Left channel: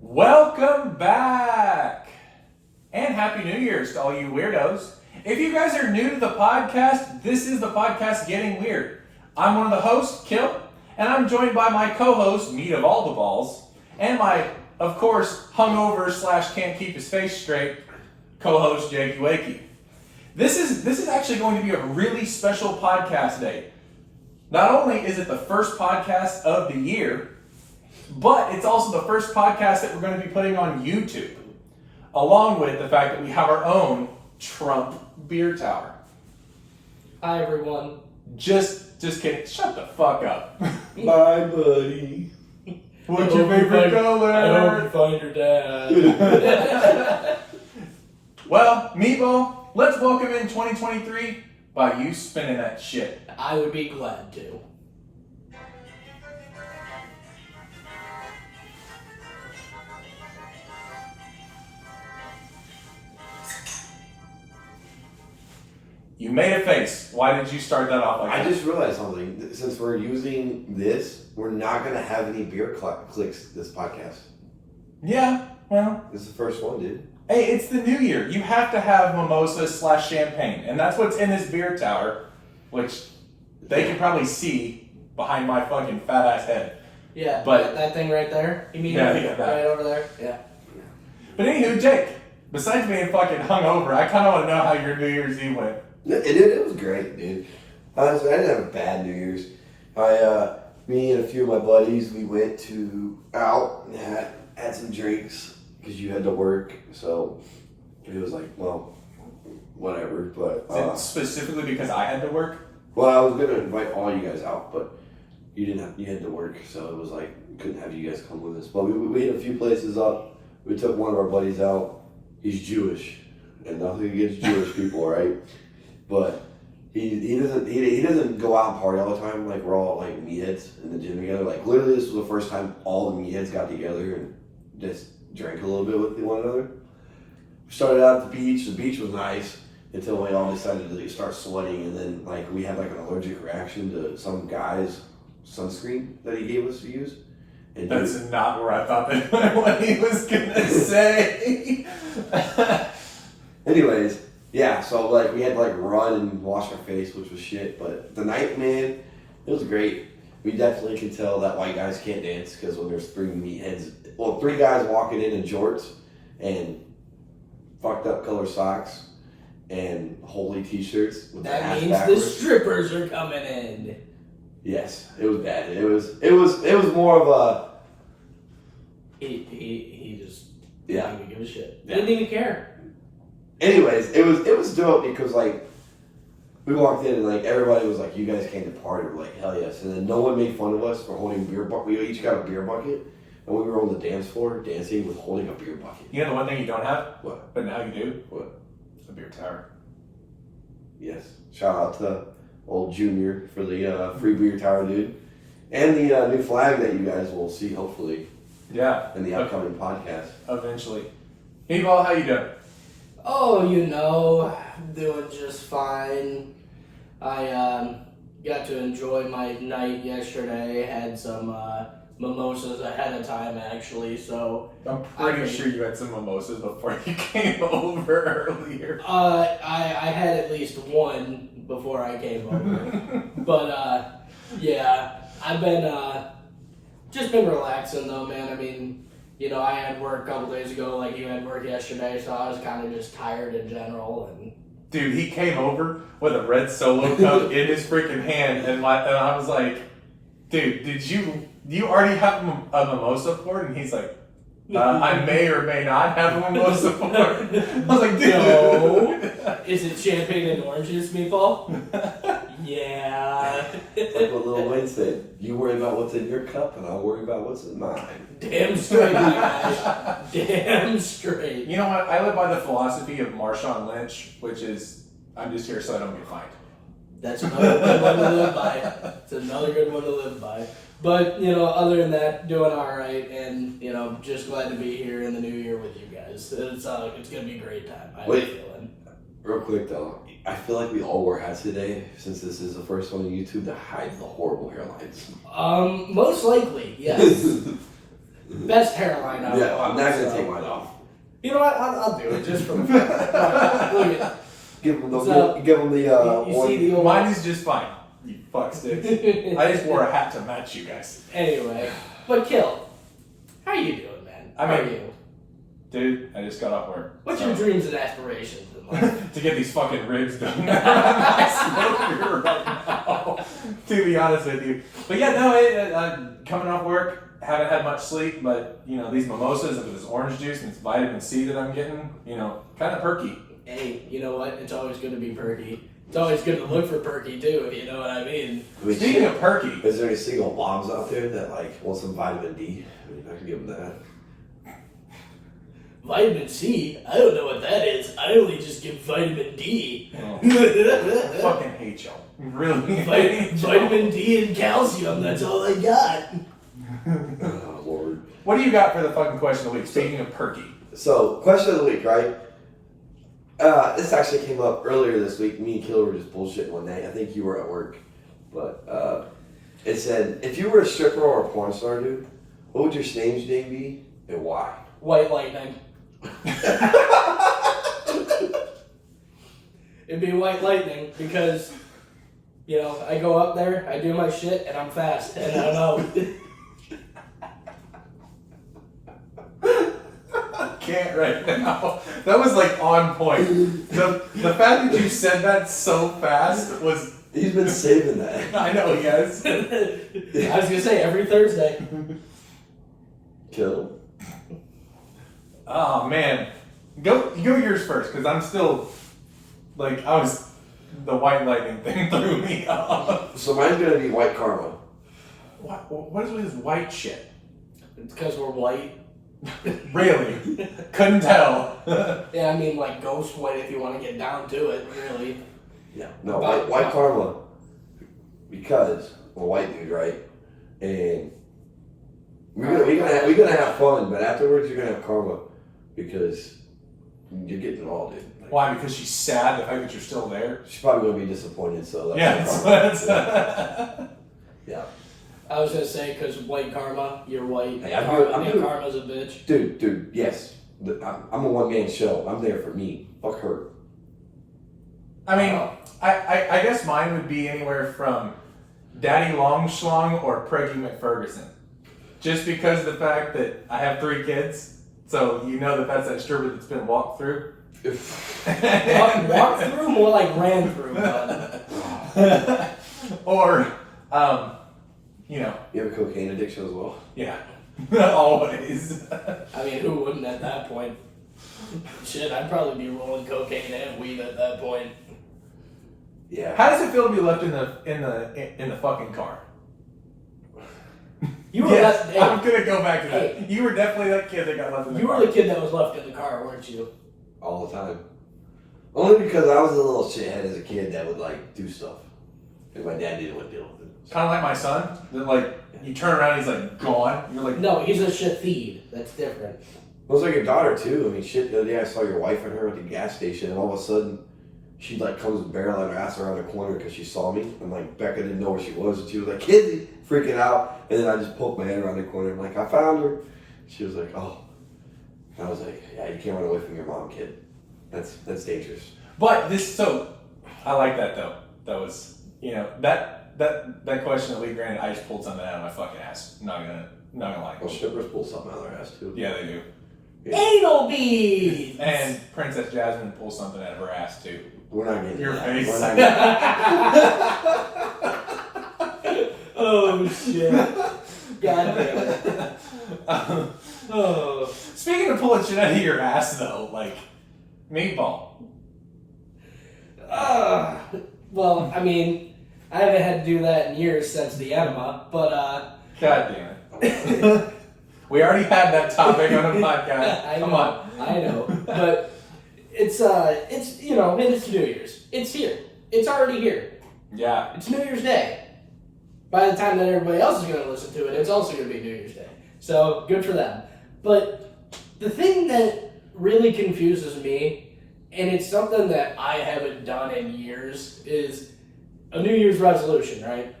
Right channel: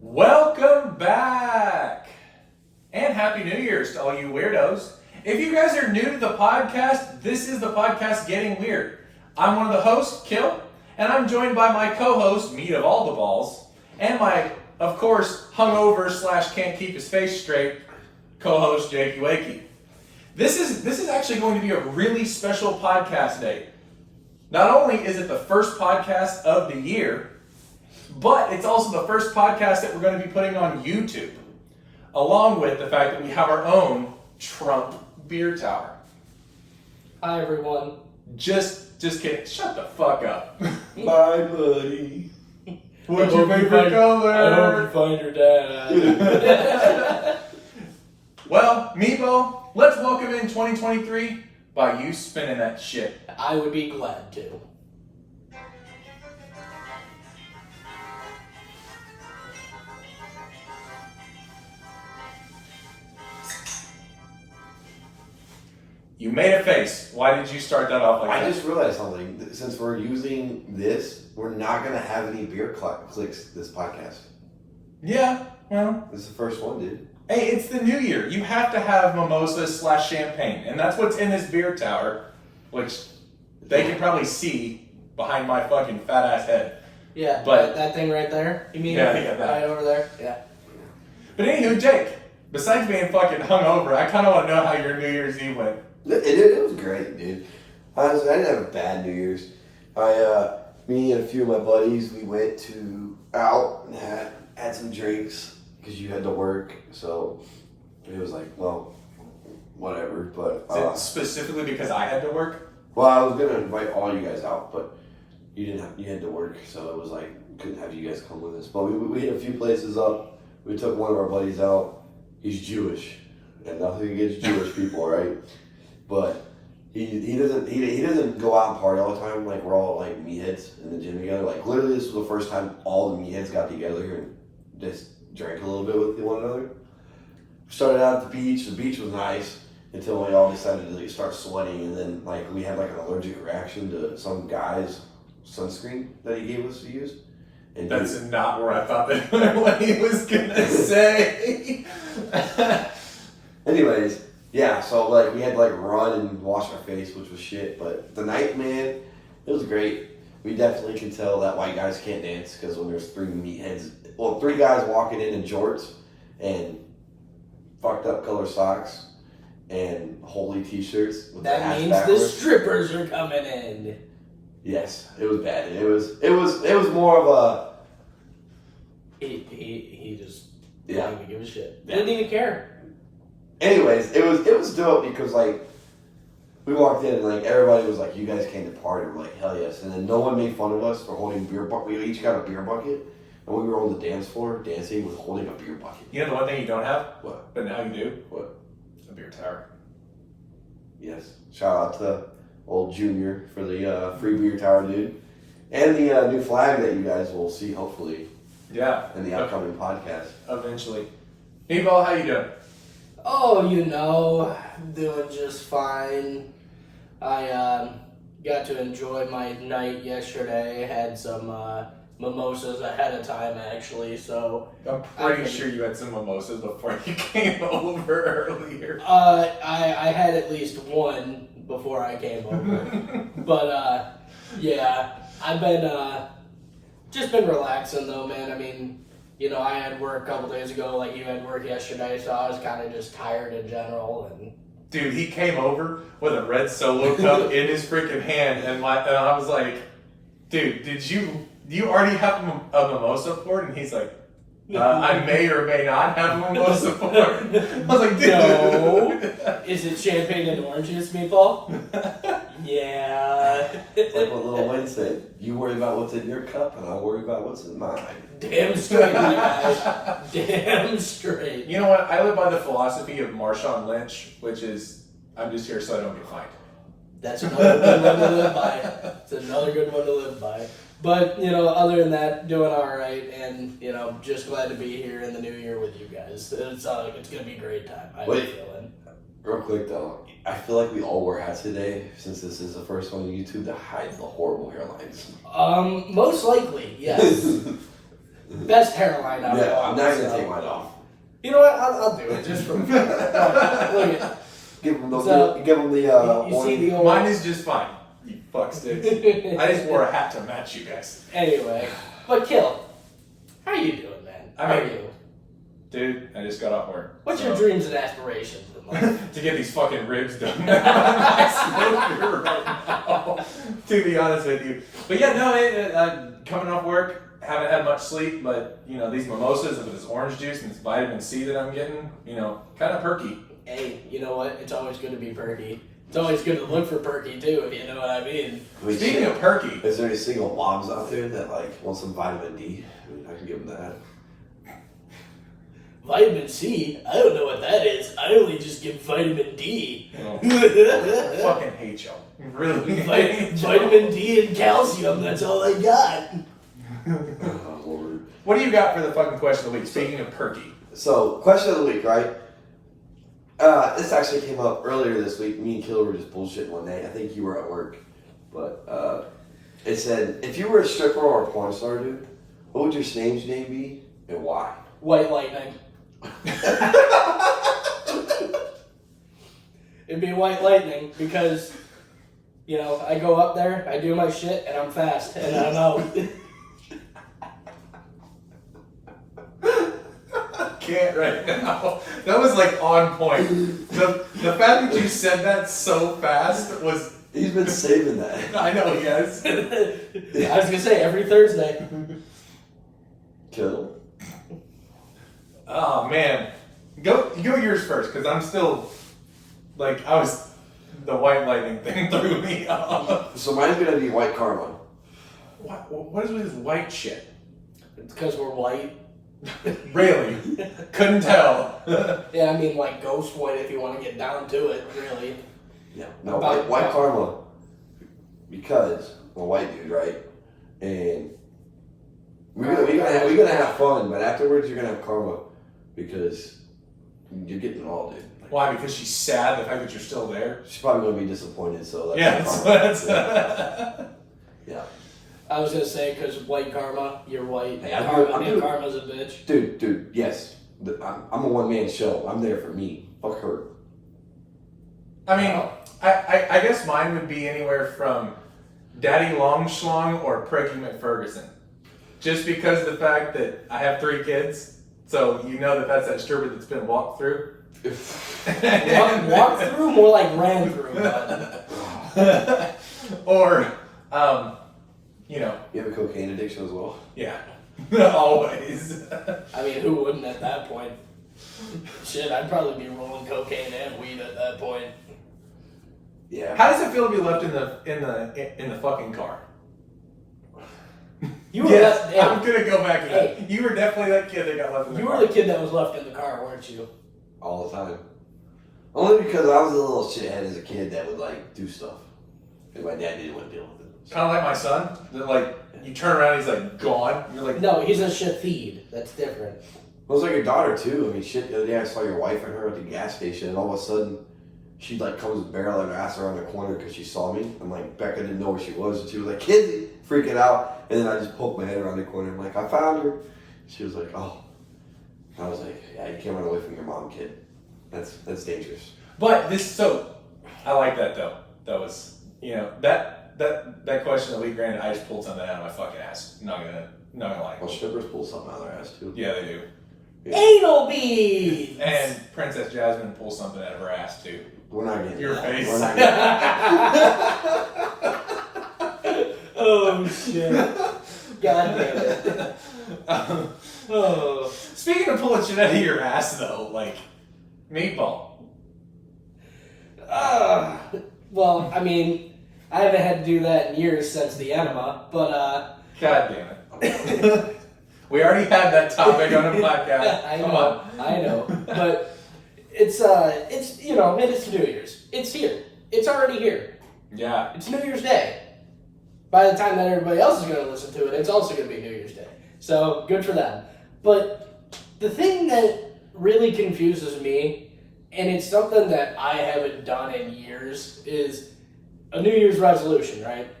Welcome back! And Happy New Year's to all you weirdos. If you guys are new to the podcast, this is the podcast Getting Weird. I'm one of the hosts, Kill, and I'm joined by my co-host, Meat of All the Balls, and my, of course, hungover / can't keep his face straight, co-host, Jakey-Wakey. This is actually going to be a really special podcast day. Not only is it the first podcast of the year, but it's also the first podcast that we're going to be putting on YouTube, along with the fact that we have our own Trump beer tower. Hi, everyone. Just kidding. Shut the fuck up. Bye, buddy. What's your favorite color? I hope you find your dad. Well, Meaball, let's welcome in 2023 by you spinning that shit. I would be glad to. You made a face. Why did you start that off like that? I just realized something. Since we're using this, we're not going to have any beer clicks this podcast. Yeah, well. This is the first one, dude. Hey, it's the new year. You have to have mimosa / champagne. And that's what's in this beer tower, which they can probably see behind my fucking fat ass head. Yeah, but that thing right there? You mean yeah, right that. over there? Yeah. But anywho, Jake, besides being fucking hungover, I kind of want to know how your New Year's Eve went. It was great, dude. Honestly, I didn't have a bad New Year's. Me and a few of my buddies, we went out and had some drinks because you had to work. So it was like, well, whatever. But Is it specifically because I had to work? well, I was gonna invite all you guys out, but you had to work, so it was like couldn't have you guys come with us. But we hit a few places up. We took one of our buddies out. He's Jewish, and nothing against Jewish people, right? But he doesn't go out and party all the time. Like we're all like meatheads in the gym together. Like literally, this was the first time all the meatheads got together and just drank a little bit with one another. We started out at the beach. The beach was nice until we all decided to start sweating, and then like we had like an allergic reaction to some guy's sunscreen that he gave us to use. And That's not where I thought that what he was gonna say. Anyways, yeah, so like we had to like run and wash our face, which was shit. But the night, man, it was great. We definitely can tell that white guys can't dance because when there's three guys walking in jorts and fucked up color socks and holy t-shirts. With That ass means backwards. the strippers are coming in. Yes, it was bad. It was more of a He just Yeah. didn't even give a shit. Yeah. Didn't even care. Anyways, it was dope because like we walked in and like everybody was like, "You guys came to party." We're like, "Hell yes!" And then no one made fun of us for holding beer bucket. We each got a beer bucket, and we were on the dance floor dancing with holding a beer bucket. You know the one thing you don't have? What? But now you do? What? A beer tower. Yes. Shout out to old Junior for the free beer tower, dude, and the new flag that you guys will see hopefully Yeah. in the upcoming podcast. Eventually. Meatball, how you doing? Oh, doing just fine. I got to enjoy my night yesterday. Had some mimosas ahead of time, actually. So I'm pretty sure you had some mimosas before you came over earlier. I had at least one before I came over. But yeah, I've been just been relaxing though, man. I mean, I had work a couple days ago, like you had work yesterday, so I was kind of just tired in general. And Dude, he came over with a red Solo cup in his freaking hand, and I was like, dude, did you already have a mimosa poured? And he's like, I may or may not have a mimosa poured. I was like, dude. No. Is it champagne and orange juice, Meatball? Yeah. It's like what Lil Wayne said, "You worry about what's in your cup, and I'll worry about what's in mine." Damn straight, my guy. Damn straight. You know what? I live by the philosophy of Marshawn Lynch, which is, I'm just here so I don't get fined. That's another good one to live by. It's another good one to live by. But, other than that, doing all right, and, just glad to be here in the new year with you guys. It's going to be a great time, I have a feeling. Real quick though, I feel like we all wore hats today, since this is the first one on YouTube, to hide the horrible hairlines. Most likely, yes. Best hairline I've Yeah, I'm not gonna take mine off. You know what? I'll do it just for fun. Look at Give them the So, give them the you one. see the old... Mine is just fine. You fuck sticks. I just wore a hat to match you guys. Anyway, but Kill, how are you doing, man? How are you? Dude, I just got off work. What's your dreams and aspirations in life? To get these fucking ribs done. I'm smoking right now, to be honest with you. But yeah, no, I'm coming off work. Haven't had much sleep, but you know, these mimosas with this orange juice and this vitamin C that I'm getting, you know, kind of perky. Hey, you know what? It's always good to be perky. It's always good to look for perky too, if you know what I mean. Speaking of perky, is there any single moms out there that like want some vitamin D? I mean, I can give them that. Vitamin C? I don't know what that is. I only just give vitamin D. Oh, I fucking hate y'all. Really? Vitamin D and calcium, that's all I got. Oh, Lord. What do you got for the fucking question of the week? Speaking of perky. So, question of the week, right? This actually came up earlier this week. Me and Killer were just bullshitting one day. I think you were at work. But it said, if you were a stripper or a porn star, dude, what would your stage name be and why? White Lightning. It'd be White Lightning because, you know, I go up there, I do my shit, and I'm fast, and I'm out. Can't right now. That was like on point. The fact that you said that so fast was... He's been saving that. I know, yes. I was gonna say every Thursday. Kill. Oh man, go yours first, because I'm still like the White Lightning thing threw me off. So mine's gonna be White Karma. What is with this white shit? It's because we're white. Really? Couldn't tell. Yeah, I mean like ghost white if you want to get down to it, really. Yeah. No, white Karma. Because we're white dude, right? And we're gonna have fun, but afterwards you're gonna have karma because you're getting it all, dude. Like, Why? Because she's sad the fact that you're still there. she's probably gonna be disappointed. So Yeah, that's that's yeah. I was gonna say because white karma, you're white. Hey, Karma's a bitch. Dude, yes. I'm a one-man show. I'm there for me. Fuck her. I mean, I guess mine would be anywhere from Daddy Longschlong or Preggy McFerguson. Just because of the fact that I have 3 kids, so you know that's that stripper that's been walked through. Walk through, more like ran through. Or, you know. You have a cocaine addiction as well? Yeah. Always. I mean, who wouldn't at that point? Shit, I'd probably be rolling cocaine and weed at that point. Yeah. How does it feel to be left in the fucking car? You were yes, hey, I'm gonna go back to that. Hey. You were definitely that kid that got left in the You car. were the kid that was left in the car, weren't you? All the time. Only because I was a little shithead as a kid that would like do stuff. And my dad didn't want to deal with it. Kind of like my son. That like you turn around, he's like gone. You're like, No, he's a shafid. That's different. Well, it's like your daughter too. I mean, shit. The other day I saw your wife and her at the gas station, and all of a sudden, she like comes barreling her ass around the corner because she saw me. I'm like, Becca didn't know where she was, and she was like, "Kid," freaking out. And then I just poked my head around the corner. I'm like, "I found her." She was like, "Oh." I was like, "Yeah, you can't run away from your mom, kid. That's dangerous." But I like that though. That was, you know, that question that we granted. I just pulled something out of my fucking ass. Not gonna lie. Well, strippers pull something out of their ass too. Yeah, they do. Yeah. Anal beads! And Princess Jasmine pulls something out of her ass too. We're not getting Your that. face. We're not getting Oh shit. God damn it. Oh. Speaking of pulling shit out of your ass though, like Meaball. Well, I mean, I haven't had to do that in years since the enema, but God damn it. We already had that topic on the podcast. Come on. I know. But it's you know, it's New Year's. It's here. It's already here. Yeah. It's New Year's Day. By the time that everybody else is gonna listen to it, it's also gonna be New Year's Day. So good for them. But the thing that really confuses me, and it's something that I haven't done in years, is a New Year's resolution, right?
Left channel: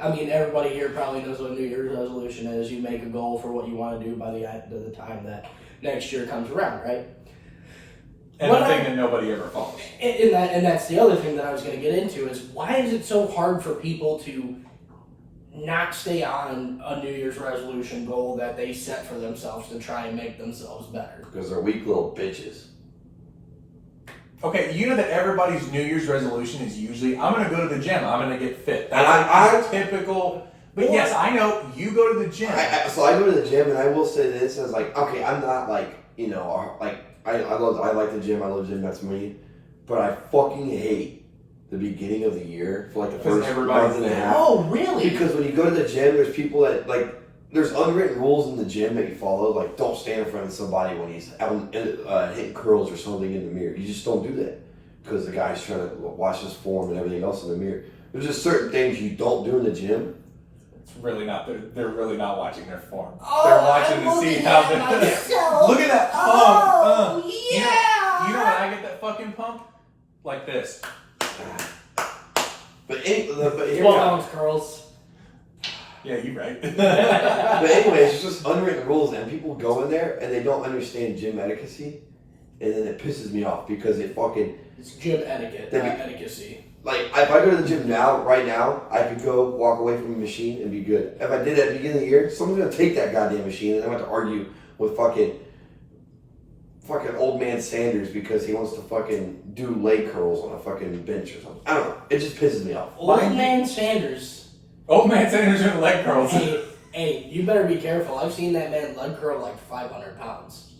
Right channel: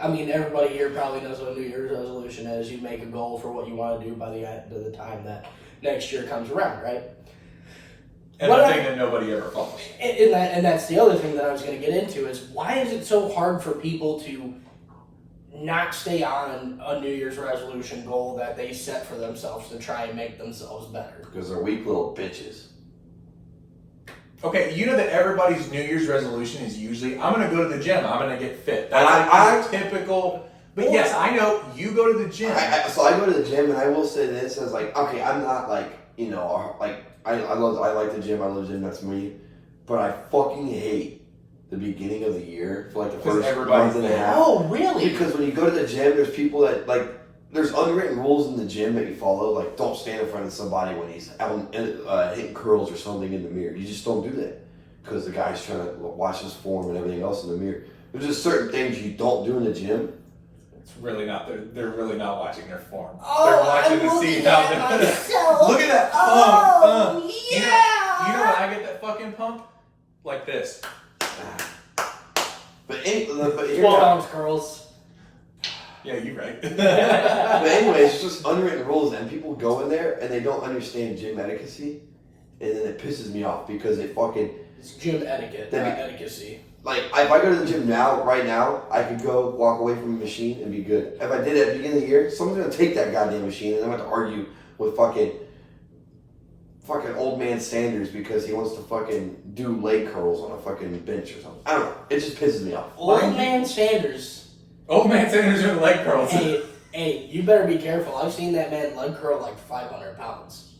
I mean, everybody here probably knows what New Year's resolution is. You make a goal for what you want to do by the end of the time that next year comes around, right? And the thing that nobody ever follows. And that's the other thing that I was going to get into is why is it so hard for people to not stay on a New Year's resolution goal that they set for themselves to try and make themselves better? Because they're weak little bitches. Okay, you know that everybody's New Year's resolution is usually, I'm going to go to the gym, I'm going to get fit. That's typical. But yes, I know you go to the gym. So I go to the gym, and I will say this as like, okay, I'm not like, you know, like I like the gym. I love the gym. That's me. But I fucking hate the beginning of the year for like the first month and a half. Oh, really? Because when you go to the gym, there's people that like. There's unwritten rules in the gym that you follow. Like, don't stand in front of somebody when he's out hitting curls or something in the mirror. You just don't do that because the guy's trying to watch his form and everything else in the mirror. There's just certain things you don't do in the gym. It's really not. They're really not watching their form. Oh, they're watching to see how they're. Look at that pump. Oh, yeah. You know when I get that fucking pump? Like this. But 12-ounce curls. Yeah, you're right. But anyway, it's just unwritten rules, and people go in there and they don't understand gym etiquette, and then it pisses me off because it fucking. It's gym etiquette, not etiquette. Like, if I go to the gym right now, I could go walk away from the machine and be good. If I did it at the beginning of the year, someone's gonna take that goddamn machine, and I'm gonna have to argue with fucking old man Sanders because he wants to fucking do leg curls on a fucking bench or something. I don't know. It just pisses me off. Old man Sanders. Old man Sanders doing leg curls. Hey, you better be careful. I've seen that man leg curl like 500 pounds.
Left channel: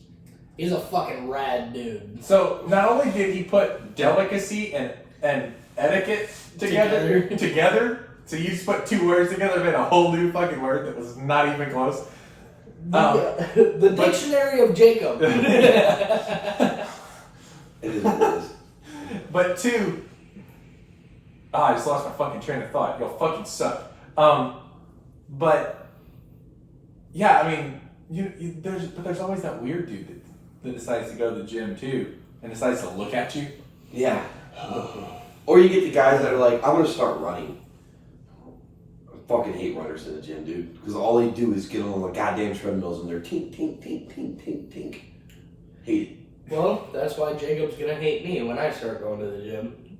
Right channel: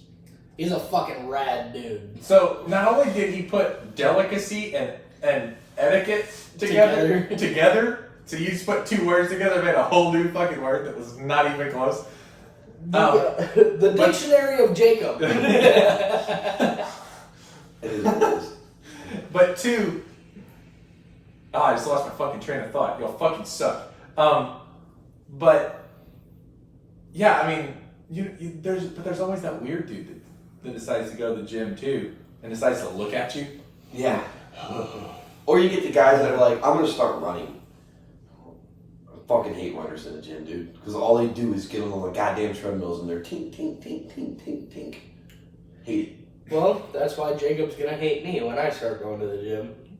He's a fucking rad dude. So not only did he put delicacy and etiquette together, so you just put two words together, made a whole new fucking word that was not even close. The dictionary of Jacob. It is what it is. But two, I just lost my fucking train of thought. Y'all fucking suck. But yeah, I mean, there's always that weird dude that decides to go to the gym too and decides to look at you. Yeah. Or you get the guys that are like, I'm gonna start running. I fucking hate runners in the gym, dude, because all they do is get on the goddamn treadmills and they're tink, tink, tink, tink, tink, tink. Hate it. Well, that's why Jacob's gonna hate me when I start going to the gym.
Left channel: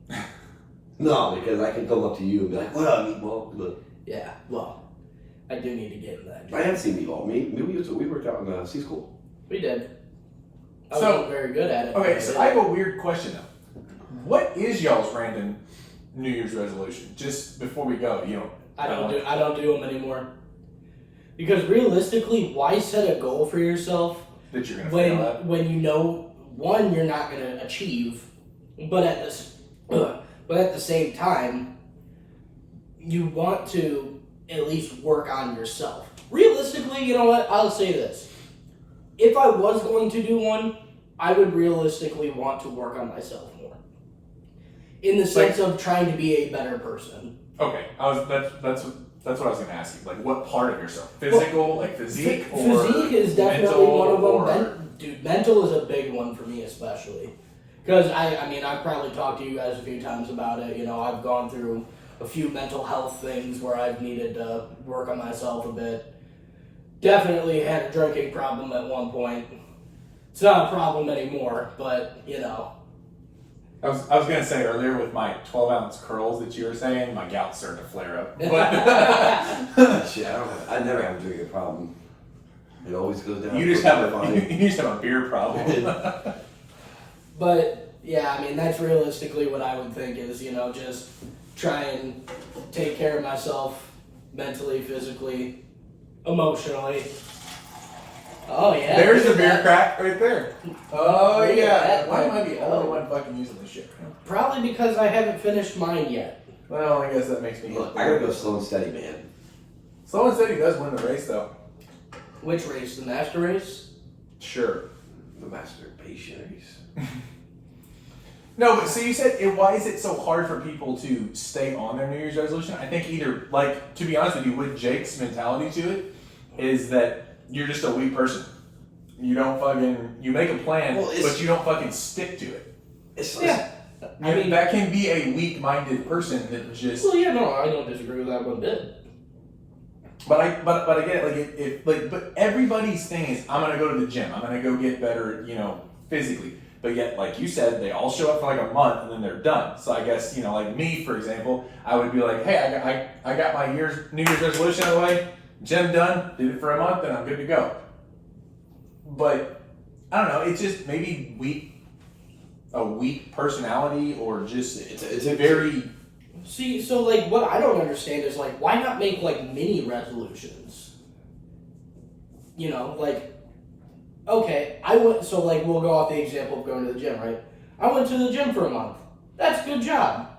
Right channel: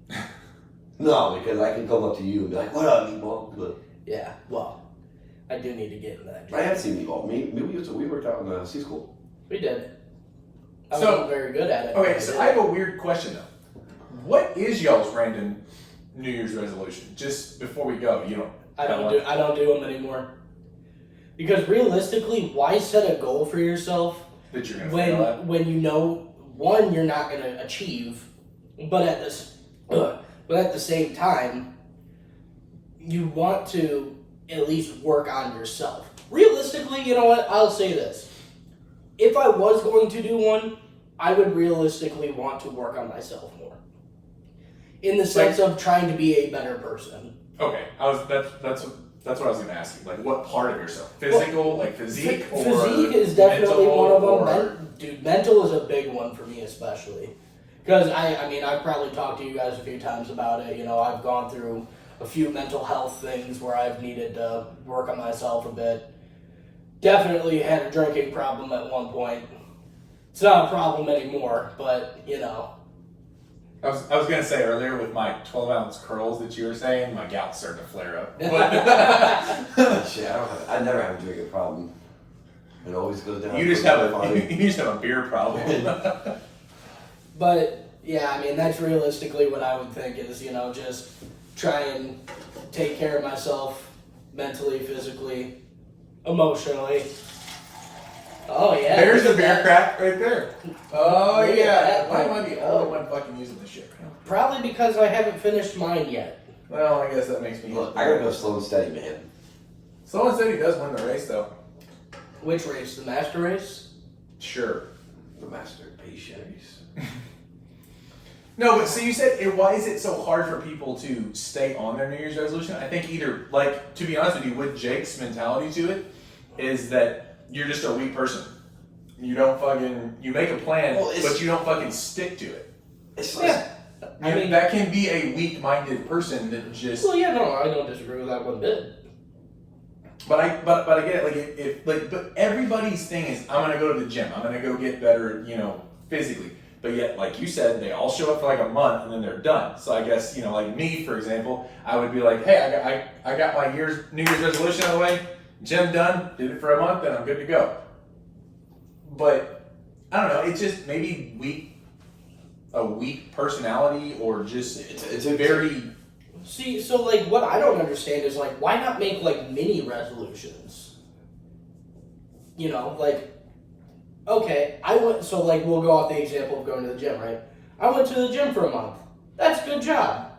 No, because I can come up to you and be like, what up, Meaball? Look. Yeah, well, I do need to get in that gym. I have seen Meaball. We worked out in C school. We did. I wasn't very good at it. Okay, so I have a weird question though. What is y'all's random New Year's resolution? Just before we go, you know. I don't do them anymore. Because realistically, why set a goal for yourself that you're gonna fail at? When you know one you're not gonna achieve, but at the same time, you want to at least work on yourself. Realistically, you know what? I'll say this. If I was going to do one, I would realistically want to work on myself more. In the sense of trying to be a better person. Okay, that's what I was going to ask you. Like, what part of yourself? Physical, like physique, or physique is definitely one of them. or... Dude, mental is a big one for me, especially because I mean, I've probably talked to you guys a few times about it. You know, I've gone through a few mental health things where I've needed to work on myself a bit. Definitely had a drinking problem at one point. It's not a problem anymore, but you know. I was going to say earlier with my 12-ounce curls that you were saying, my gout's starting to flare up. Shit, I never have a drinking problem. It always goes down. You just have a beer problem. But yeah, I mean, that's realistically what I would think is, you know, just try and take care of myself mentally, physically, emotionally. Oh yeah. There's a beer crack right there. Oh Look at yeah. that. Why am I the only one fucking using this shit? Probably because I haven't finished mine yet. Well, I guess that makes me. Look, I gotta go slow and steady, man. Slow and steady does win the race, though. Which race? The master race? Sure. The master of patience. No, but so you said, why is it so hard for people to stay on their New Year's resolution? I think either, like, to be honest with you, with Jake's mentality to it, is that you're just a weak person. You don't fucking, you make a plan, but you don't fucking stick to it. It's like, I mean, that can be a weak-minded person that just... Well, yeah, no, I don't disagree with that one bit. But I get it. But everybody's thing is, I'm gonna go to the gym. I'm gonna go get better, physically. But yet, like you said, they all show up for like a month and then they're done. So I guess, like me, for example, I would be like, hey, I got my New Year's resolution out of the way, gym done, did it for a month, and I'm good to go. But I don't know, it's just maybe a weak personality, or just it's a very. See, so like what I don't understand is like, why not make like mini resolutions? Okay, we'll go off the example of going to the gym, right? I went to the gym for a month. That's a good job.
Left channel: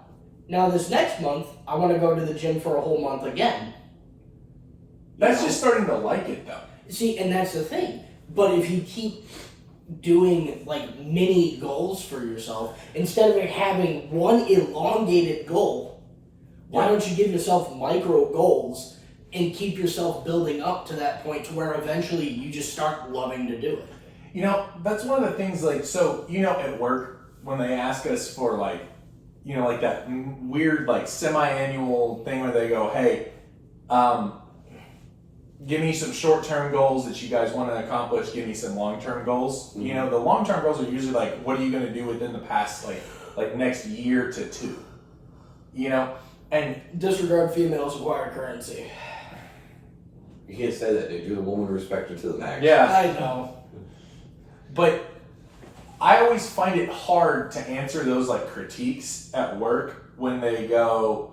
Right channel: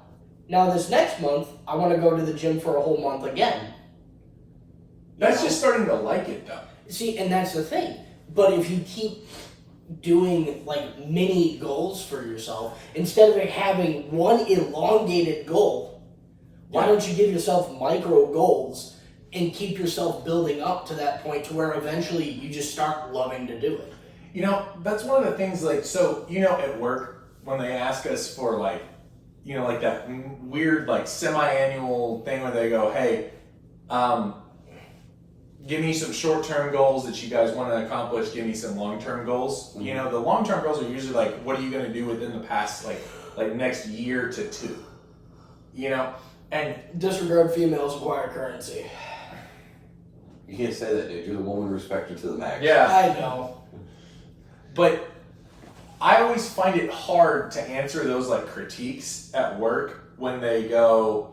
Now this next month, I want to go to the gym for a whole month again. That's just starting to like it, though. See, and that's the thing. But if you keep doing like mini goals for yourself, instead of having one elongated goal, why don't you give yourself micro goals and keep yourself building up to that point to where eventually you just start loving to do it? That's one of the things, at work, when they ask us for like that weird semi-annual thing where they go, hey, give me some short-term goals that you guys want to accomplish, give me some long-term goals. Mm-hmm. The long-term goals are usually like, what are you going to do within the past like next year to two? And disregard females acquire currency. You can't say that, dude. You're the woman respected to the max. Yeah, I know. But I always find it hard to answer those critiques at work when they go,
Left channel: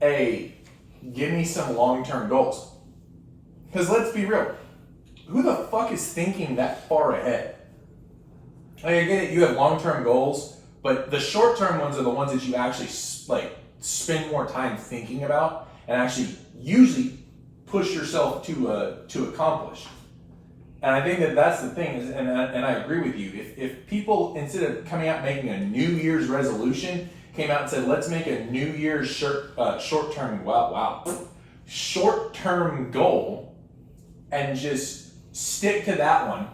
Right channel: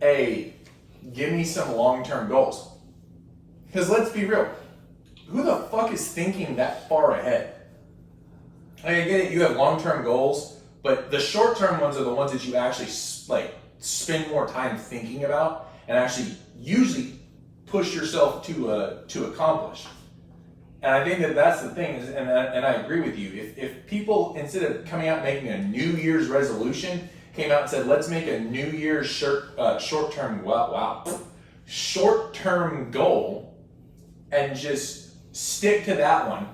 hey, give me some long-term goals. Because let's be real, who the fuck is thinking that far ahead? I get it, you have long-term goals, but the short-term ones are the ones that you actually spend more time thinking about and actually usually push yourself to accomplish. And I think that's the thing, and I agree with you. If people, instead of coming out and making a New Year's resolution, came out and said, let's make a New Year's short-term goal, and just stick to that one.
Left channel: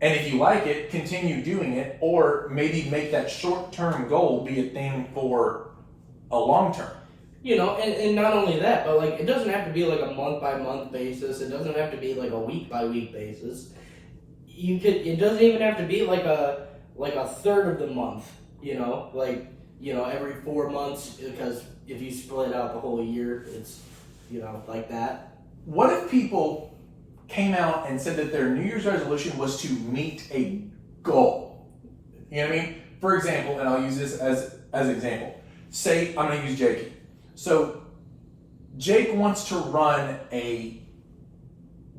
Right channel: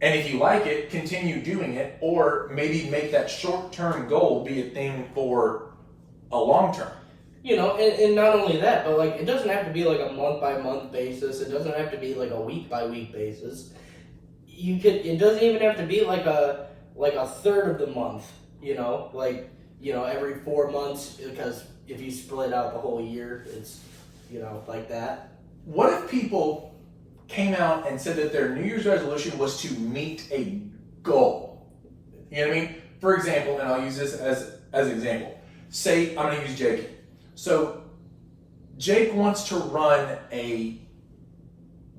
And if you like it, continue doing it, or maybe make that short-term goal be a thing for a long-term. And not only that, but it doesn't have to be a month-by-month basis. It doesn't have to be a week-by-week basis. It doesn't even have to be a third of the month. Every 4 months, because if you split out the whole year, it's like that. What if people came out and said that their New Year's resolution was to meet a goal? You know what I mean? For example, and I'll use this as an example. Say I'm going to use Jakey. So Jake wants to run a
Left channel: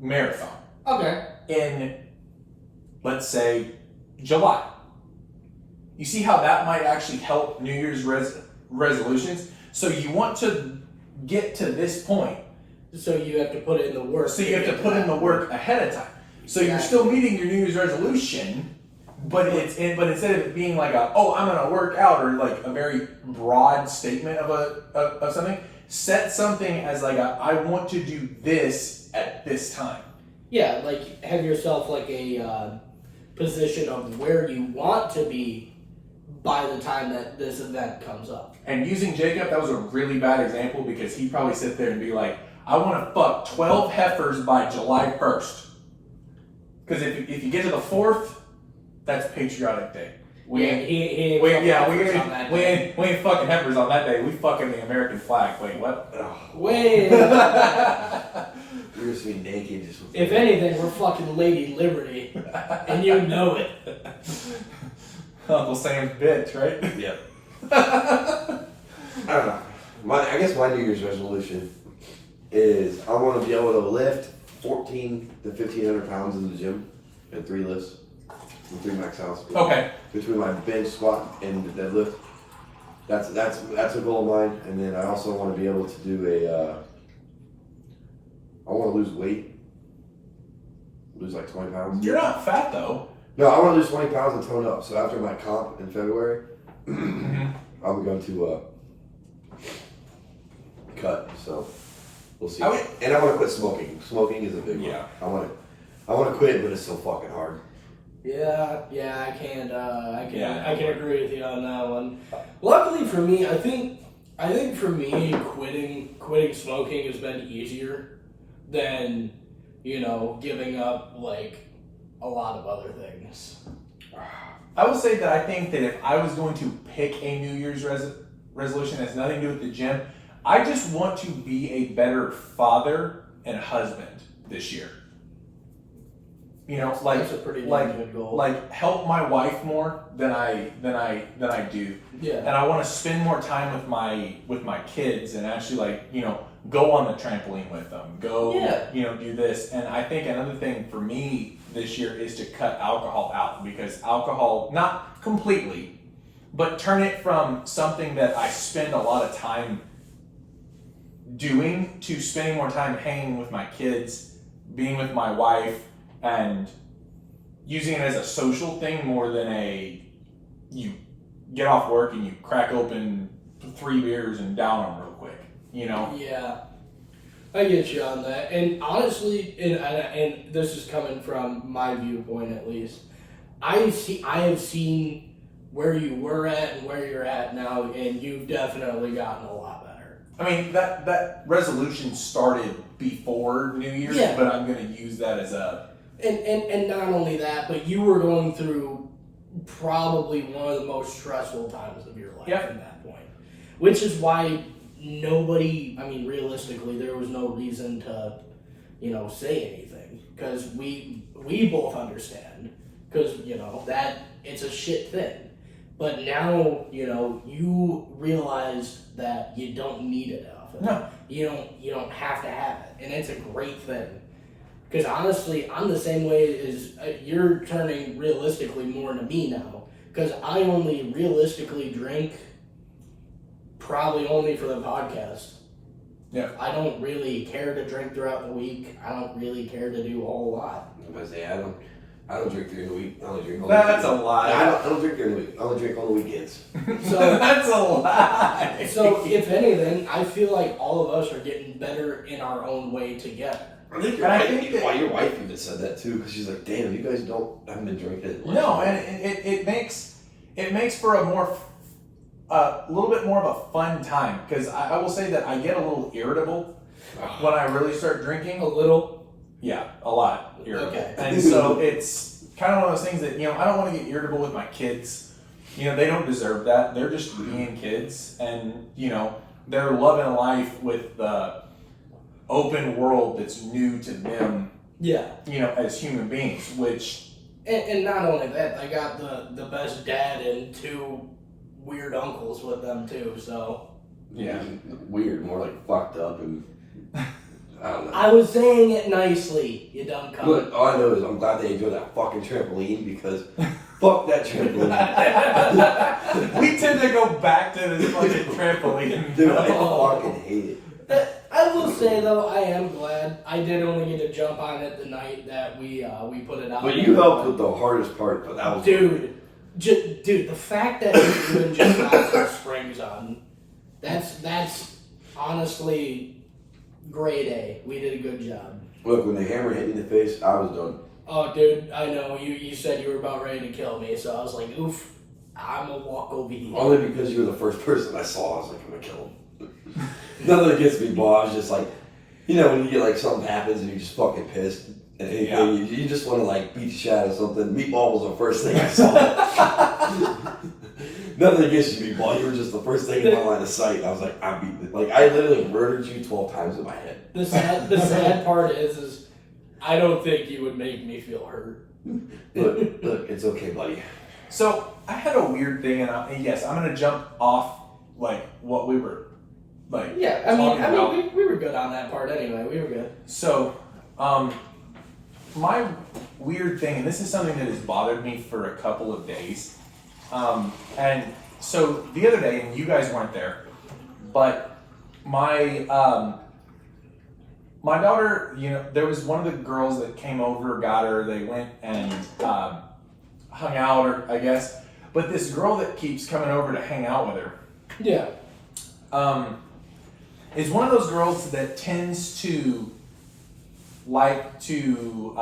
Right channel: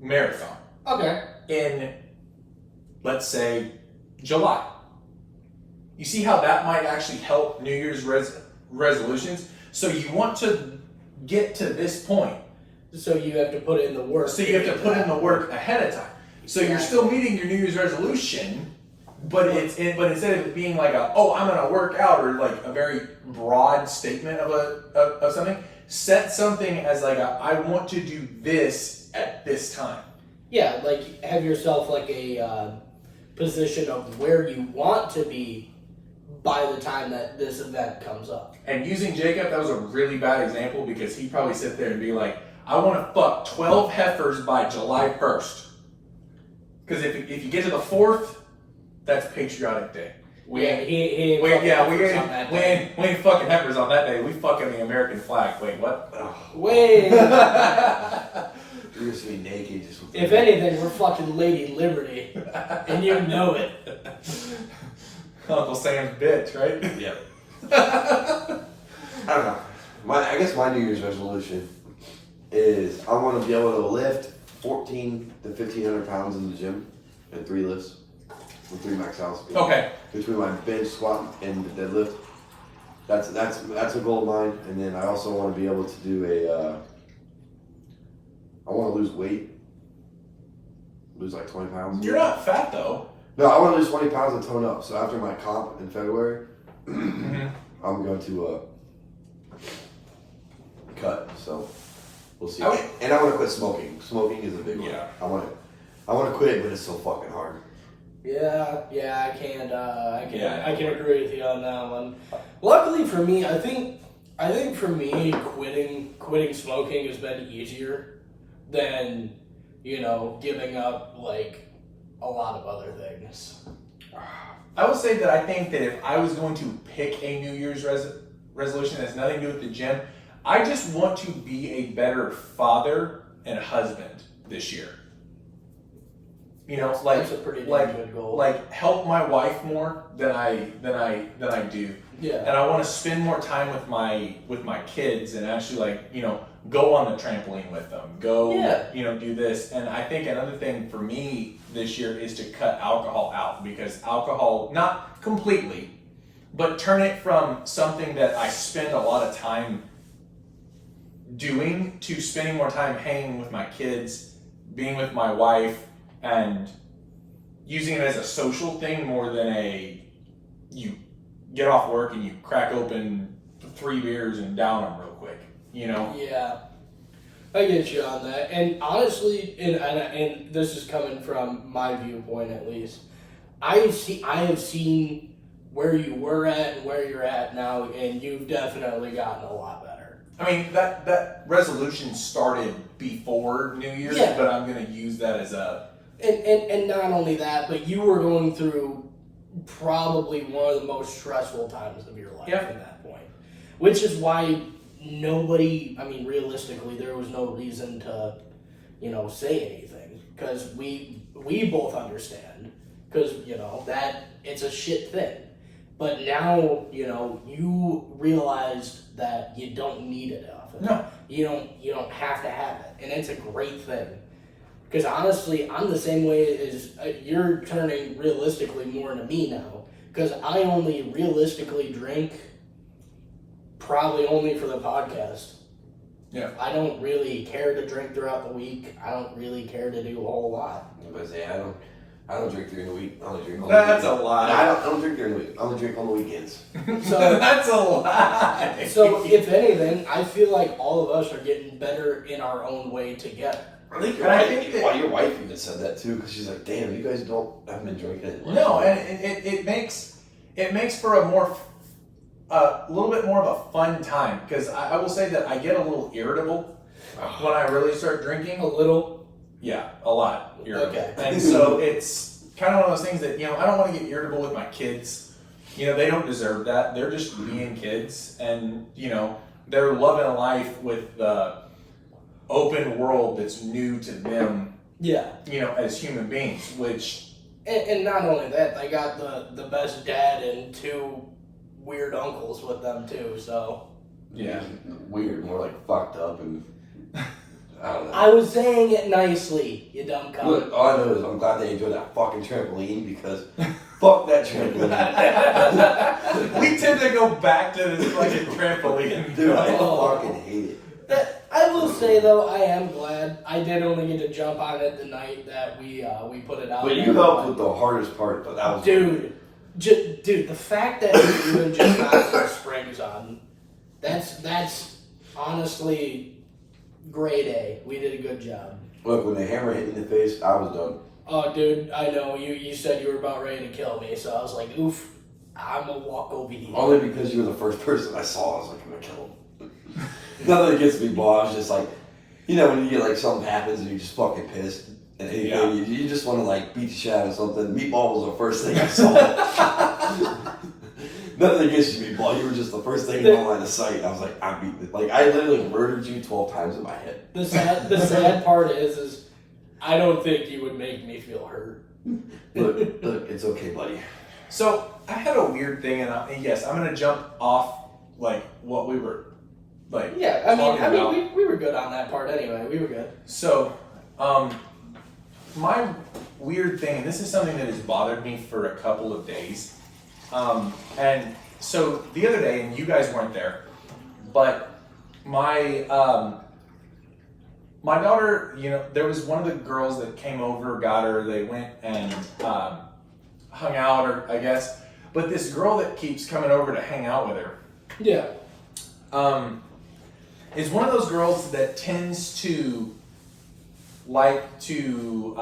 marathon. Okay. In, let's say, July. You see how that might actually help New Year's resolutions? So you want to get to this point. So you have to put in the work. So you have to put in the work ahead of time. So you're still meeting your New Year's resolution, but instead of it being I'm going to work out, or a very broad statement of something, set something as I want to do this at this time. Yeah, have yourself a position of where you want to be by the time that this event comes up. And using Jacob, that was a really bad example, because he'd probably sit there and be like, I want to fuck 12 heifers by July 1st. Because if you get to the 4th, that's Patriotic Day. We ain't fucking heifers on that day. We fucking the American flag. Wait, what? Wait. You're just being naked. If anything, we're fucking Lady Liberty, and you know it. Uncle Sam's bitch, right? Yep. I don't know. I guess my New Year's resolution is I want to be able to lift 1,400 to 1,500 pounds in the gym at 3 lifts. 3 max outs. Okay. Between my bench, squat, and deadlift. That's a goal of mine. And then I also want to be able to do I want to lose weight. Lose 20 pounds. You're not fat though. No, I want to lose 20 pounds and tone up. So after my comp in February, I'm going to cut. So we'll see. And I want to quit smoking. Smoking is a big one. I want to quit, but it's so fucking hard. Yeah, I can agree with you on that one. Luckily for me, I think I think for me, quitting smoking has been easier than, giving up like a lot of other things. I would say that I think that if I was going to pick a New Year's resolution that has nothing to do with the gym, I just want to be a better father and husband this year. That's a pretty damn good goal. Like help my wife more than I do. Yeah. And I want to spend more time with my kids and actually go on the trampoline with them. Go do this. And I think another thing for me this year is to cut alcohol out, because alcohol, not completely, but turn it from something that I spend a lot of time doing to spending more time hanging with my kids, being with my wife, and using it as a social thing more than you get off work and you crack open 3 beers and down them real quick, Yeah, I get you on that. And honestly, and this is coming from my viewpoint at least, I have seen where you were at and where you're at now, and you've definitely gotten a lot better. I mean, that resolution started before New Year's, but I'm going to use that as a... And not only that, but you were going through probably one of the most stressful times of your life at that point. Which is why realistically, there was no reason to, say anything. Because we both understand. Because, that it's a shit thing. But now, you realized that you don't need it often. No. You don't have to have it. And it's a great thing. Because honestly, I'm the same way as you're turning realistically more into me now. Because I only realistically drink probably only for the podcast. Yeah. I don't really care to drink throughout the week. I don't really care to do a whole lot. I'm gonna say I don't drink during the week. I only drink on That's the a weekend. lie. I don't drink during the week. I only drink on the weekends. So that's a lie. So if anything, I feel like all of us are getting better in our own way together. I think your wife even said that too, because she's like, "Damn, you guys haven't been drinking." No, and it makes for a little bit more of a fun time, because I will say that I get a little irritable when I really start drinking. A little? Yeah, a lot irritable. Okay. And so it's kind of one of those things that, I don't want to get irritable with my kids. They don't deserve that. They're just being kids, and, they're loving life with the open world that's new to them. Yeah. As human beings, which... And not only that, I got the best dad and 2 weird uncles with them too, so... Yeah. Weird, more like fucked up, and I don't know. I was saying it nicely, you dumb cunt. Look, all I know is I'm glad they enjoyed that fucking trampoline, because fuck that trampoline. We tend to go back to this fucking trampoline. Dude, I fucking hate it. I will say though, I am glad I did only get to jump on it the night that we put it out. But you helped with the hardest part, but that was... Dude, the fact that you even just got some springs on, that's honestly grade A. We did a good job. Look, when the hammer hit me in the face, I was done. Oh, dude, I know. You said you were about ready to kill me, so I was like, oof, I'm gonna walk over here. Only because you were the first person I saw. I was like, I'm gonna kill him. Nothing against me, Bob. I was just like, when you get like something happens and you're just fucking pissed. And you just want to like beat the shit out of something. Meatball was the first thing I saw. Nothing against you, Meatball. You were just the first thing in my line of sight. I was like, I'm beating it. Like, I literally murdered you 12 times in my head. The sad part is I don't think you would make me feel hurt. Look, it's okay, buddy. So I had a weird thing, and yes, I'm gonna jump off like what we were like. Yeah, I mean, we were good on that part anyway. We were good. So, my weird thing, and this is something that has bothered me for a couple of days. And so the other day, and you guys weren't there, but my my daughter, there was one of the girls that came over, got her, they went and hung out, or I guess, but this girl that keeps coming over to hang out with her, Yeah. Is one of those girls that tends to like to,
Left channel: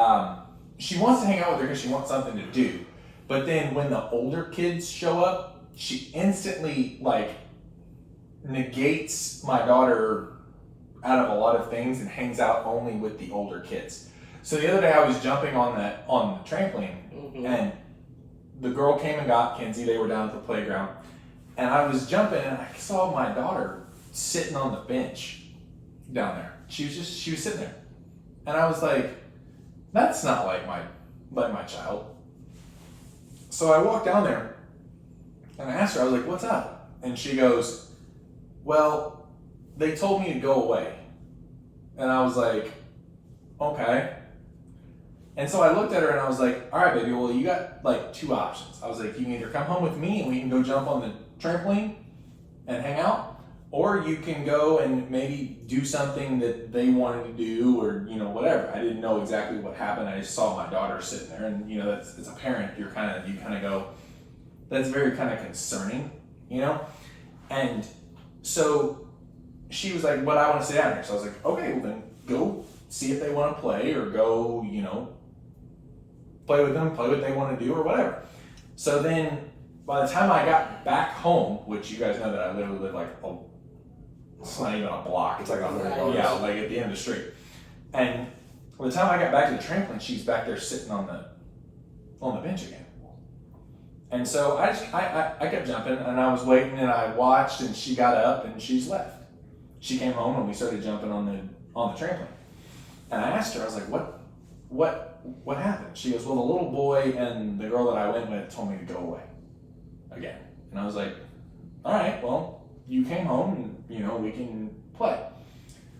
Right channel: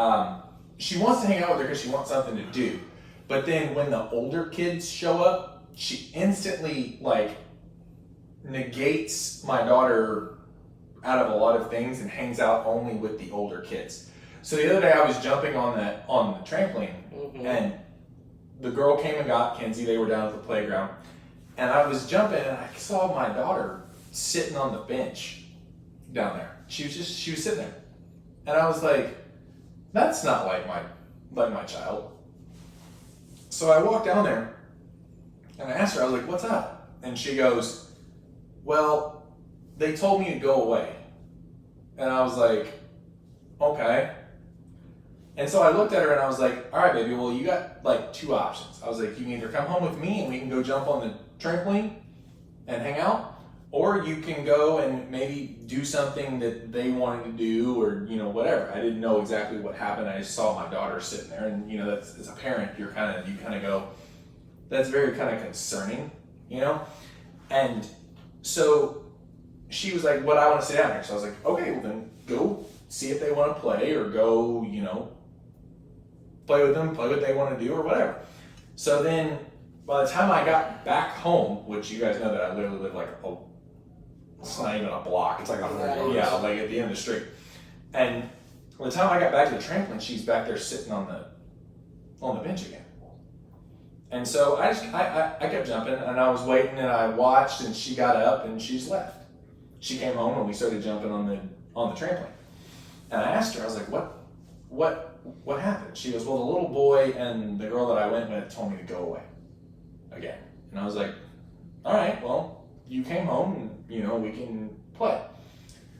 she wants to hang out with her because she wants something to do. But then when the older kids show up, she instantly, like, negates my daughter out of a lot of things and hangs out only with the older kids. So the other day I was jumping on the trampoline, and the girl came and got Kenzie. They were down at the playground, and I was jumping, and I saw my daughter sitting on the bench down there. She was sitting there, and I was like, that's not like my child. So I walked down there, and I asked her, I was like, what's up? And she goes, well, they told me to go away. And I was like, okay. And so I looked at her and I was like, all right, baby, well, you got like 2 options. I was like, you can either come home with me and we can go jump on the trampoline and hang out, or you can go and maybe do something that they wanted to do, or, you know, whatever. I didn't know exactly what happened. I just saw my daughter sitting there, and, you know, as a parent, you kind of go, that's very kind of concerning, you know? And so she was like, what, I want to sit down here. So I was like, okay, well then go see if they want to play, or go, you know, play with them, play what they want to do, or whatever. So then by the time I got back home, which you guys know that I literally live like it's not even a block, it's like yeah, like at the end of the street. And by the time I got back to the trampoline, she's back there sitting on the bench again. And so I kept jumping, and I was waiting, and I watched, and she got up and she's left. She came home and we started jumping on the trampoline. And I asked her, I was like, what happened? She goes, well, the little boy and the girl that I went with told me to go away again. And I was like, all right, well, you came home and, you know, we can play.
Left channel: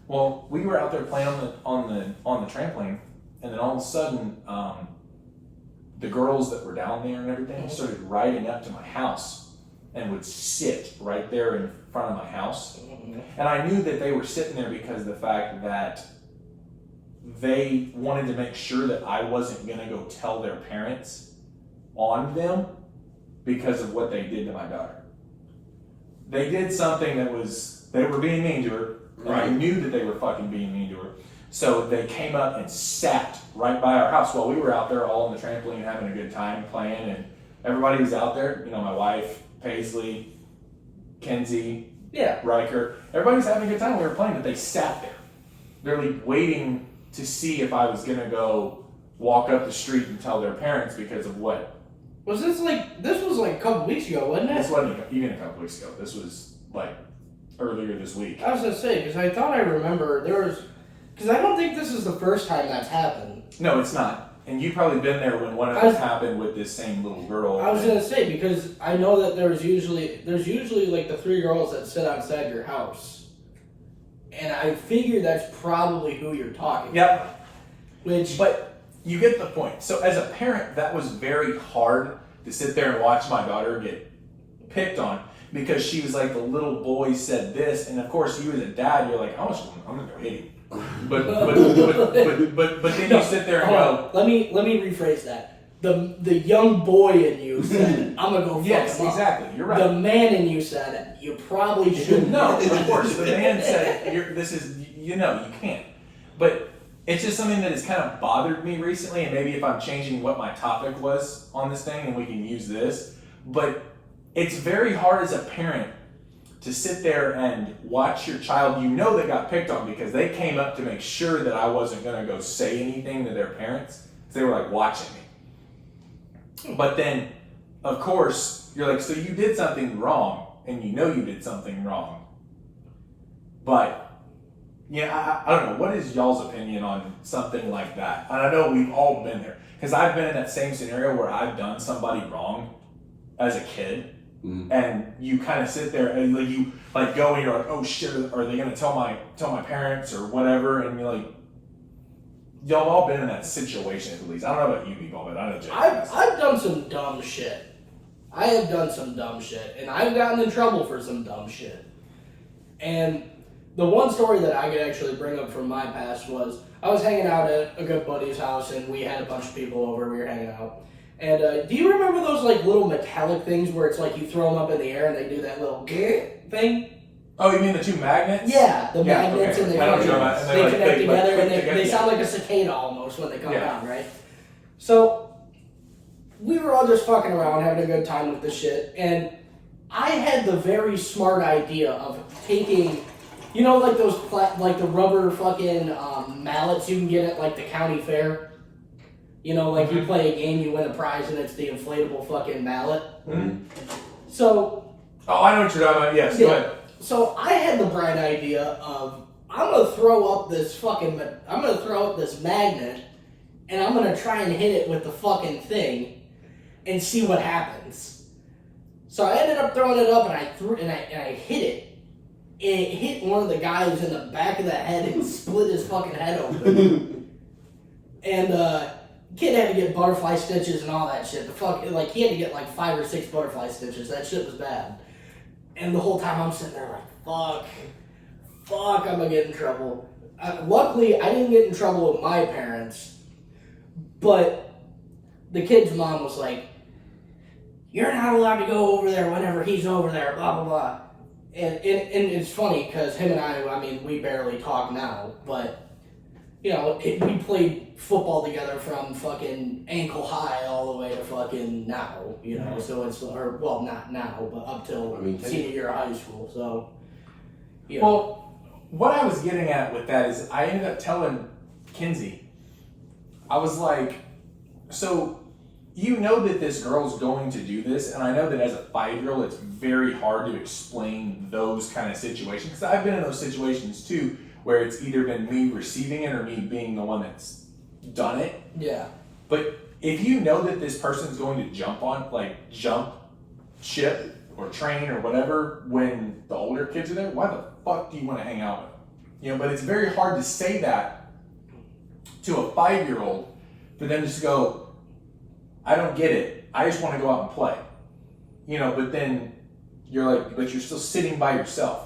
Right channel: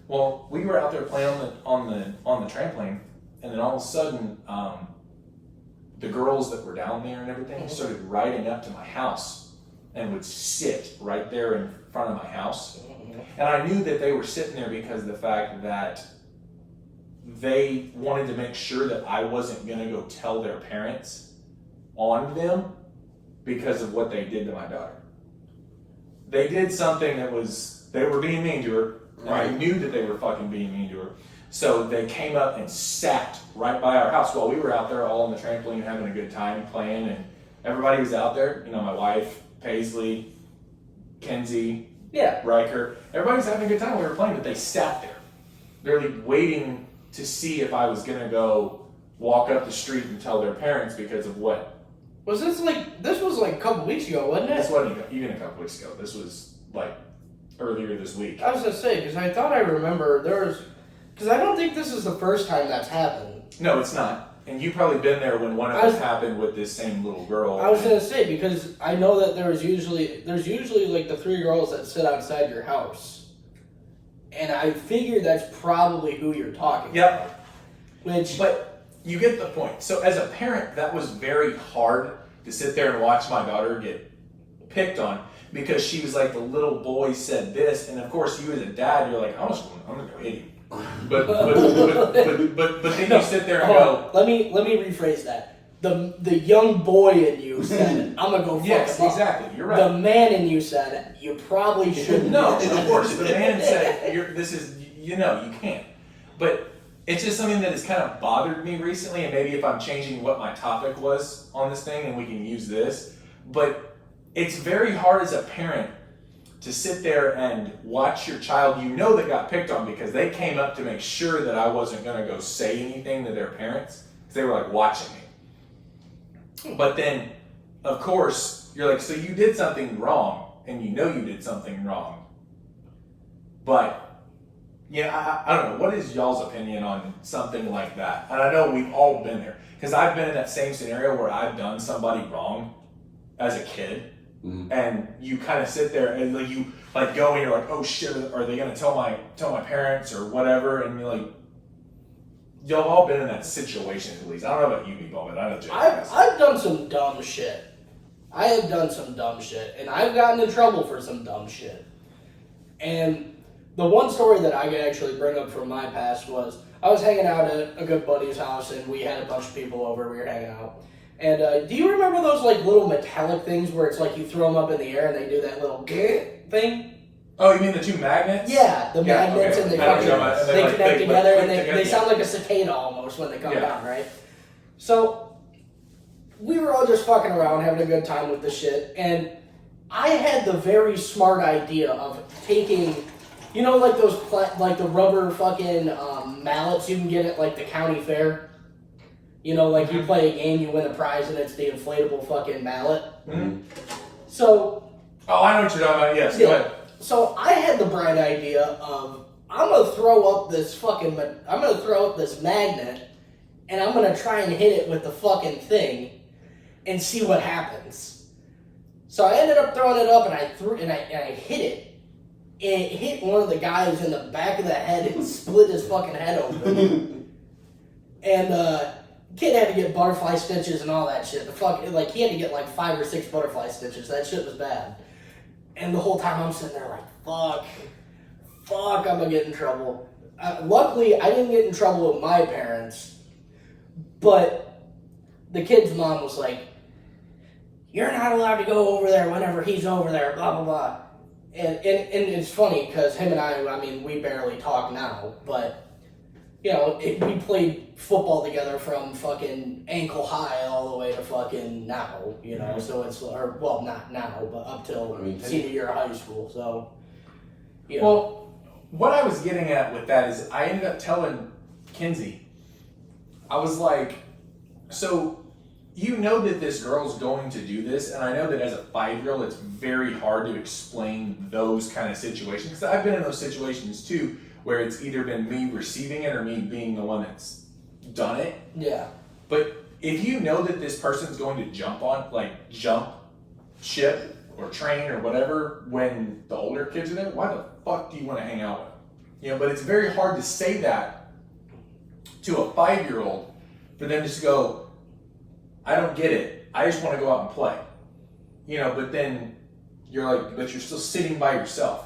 Well, we were out there playing on the trampoline, and then all of a sudden, the girls that were down there and everything started riding up to my house and would sit right there in front of my house. And I knew that they were sitting there because of the fact that they wanted to make sure that I wasn't going to go tell their parents on them because of what they did to my daughter. They did something they were being mean to her, and I knew that they were fucking being mean to her. So they came up and sat right by our house while we were out there all on the trampoline having a good time playing, and everybody was out there. You know, my wife, Paisley, Kenzie, Riker, everybody was having a good time when we were playing, but they sat there, barely waiting to see if I was going to go walk up the street and tell their parents because of what. Was this was like a couple weeks ago, wasn't it? This wasn't even a couple weeks ago. This was like earlier this week. I was going to say, because I thought I remember because I don't think this is the first time that's happened. No, it's not. And you've probably been there when one of this happened with this same little girl. I was going to say, because I know that there's usually like the 3 girls that sit outside your house. And I figure that's probably who you're talking about. But you get the point. So as a parent, that was very hard to sit there and watch my daughter get picked on because she was like, the little boy said this, and of course you as a dad, you're like, I'm gonna go hit him. But then you sit there and go. Let me rephrase that. The young boy in you said, I'm gonna go fuck him up. Exactly. You're right. The man in you said, you probably shouldn't. No, of course. The man said, you can't. But it's just something that has kind of bothered me recently, and maybe if I'm changing what my topic was on this thing, and we can use this. But it's very hard as a parent to sit there and watch your child you know that got picked on because they came up to make sure that I wasn't going to go say anything to their parents because they were like watching me. But then, of course, you're like, so you did something wrong, and you know you did something wrong. But, I don't know, what is y'all's opinion on something like that? And I know we've all been there, because I've been in that same scenario where I've done somebody wrong as a kid, and you kind of sit there and you like go and you're like, oh shit, are they going to tell my parents or whatever? And you're like, y'all have all been in that situation at least. I don't know about you, Meaball, but I know Jake. I've done some dumb shit. I have done some dumb shit, and I've gotten in trouble for some dumb shit. And the one story that I could actually bring up from my past was I was hanging out at a good buddy's house, and we had a bunch of people over. We were hanging out. And do you remember those like little metallic things where it's like you throw them up in the air and they do that little thing? Oh, you mean the 2 magnets? Yeah, the magnets, and they connect together, and they sound like a cicada almost when they come down, right? So we were all just fucking around, having a good time with this shit, and I had the very smart idea of taking, you know, like those, like the rubber fucking mallets you can get at like the county fair. You know, like you play a game, you win a prize, and it's the inflatable fucking mallet. Mm-hmm. So. Oh, I know what you're talking about. Yes, go ahead. So I had the bright idea of I'm gonna throw up this magnet, and I'm gonna try and hit it with the fucking thing, and see what happens. So I ended up throwing it up, and I hit it. And it hit one of the guys in the back of the head and split his fucking head open. And kid had to get butterfly stitches and all that shit. He had to get like 5 or 6 butterfly stitches. That shit was bad. And the whole time I'm sitting there like, fuck, I'm gonna get in trouble. Luckily, I didn't get in trouble with my parents, but the kid's mom was like, you're not allowed to go over there whenever he's over there, blah, blah, blah. And it's funny, because him and I mean, we barely talk now, but, you know, we played football together from fucking ankle high all the way to fucking now, you know, so it's, well, not now, but up till senior year of high school, so, you know. Well, what I was getting at with that is I ended up telling Kinsey, I was like, so you know that this girl's going to do this, and I know that as a 5-year-old, it's very hard to explain those kind of situations, because I've been in those situations too, where it's either been me receiving it or me being the one that's done it. Yeah. But if you know that this person's going to jump ship or train or whatever when the older kids are there, why the fuck do you want to hang out with them? You know, but it's very hard to say that to a 5-year-old for them just to go, I don't get it. I just want to go out and play. You know, but then you're like, but you're still sitting by yourself.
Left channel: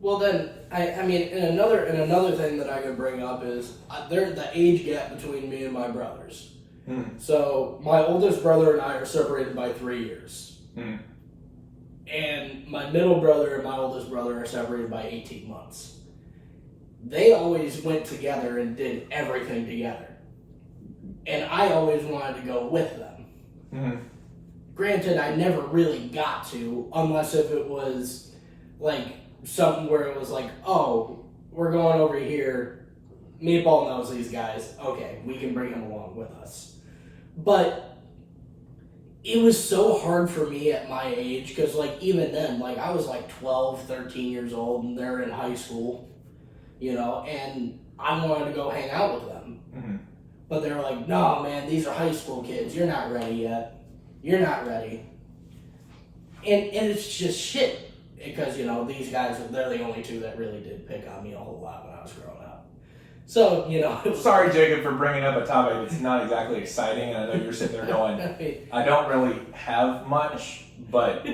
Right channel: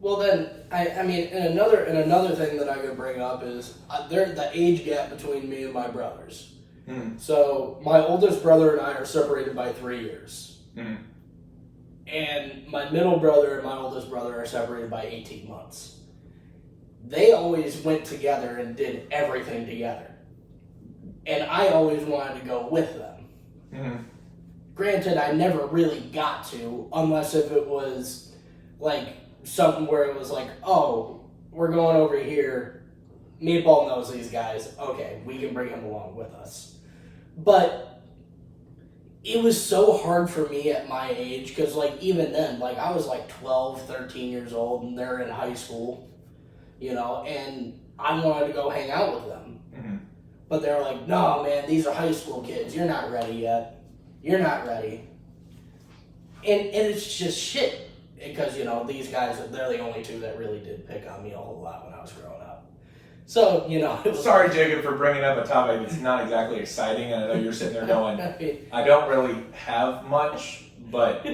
Well, then, I mean, and another thing that I could bring up is there's the age gap between me and my brothers. Mm. So my oldest brother and I are separated by 3 years. Mm. And my middle brother and my oldest brother are separated by 18 months. They always went together and did everything together. And I always wanted to go with them. Mm-hmm. Granted, I never really got to, unless if it was like something where it was like, oh, we're going over here. Meaball knows these guys. Okay, we can bring him along with us. But it was so hard for me at my age, because like even then, like I was like 12, 13 years old, and they're in high school, you know, and I wanted to go hang out with them. Mm-hmm. But they were like, no, man, these are high school kids. You're not ready yet. You're not ready. And it's just shit. Because, you know, these guys, they're the only two that really did pick on me a whole lot when I was growing up. So, you know. Sorry, Jacob, for bringing up a topic that's not exactly exciting. I know you're sitting there going, I don't really have much, but.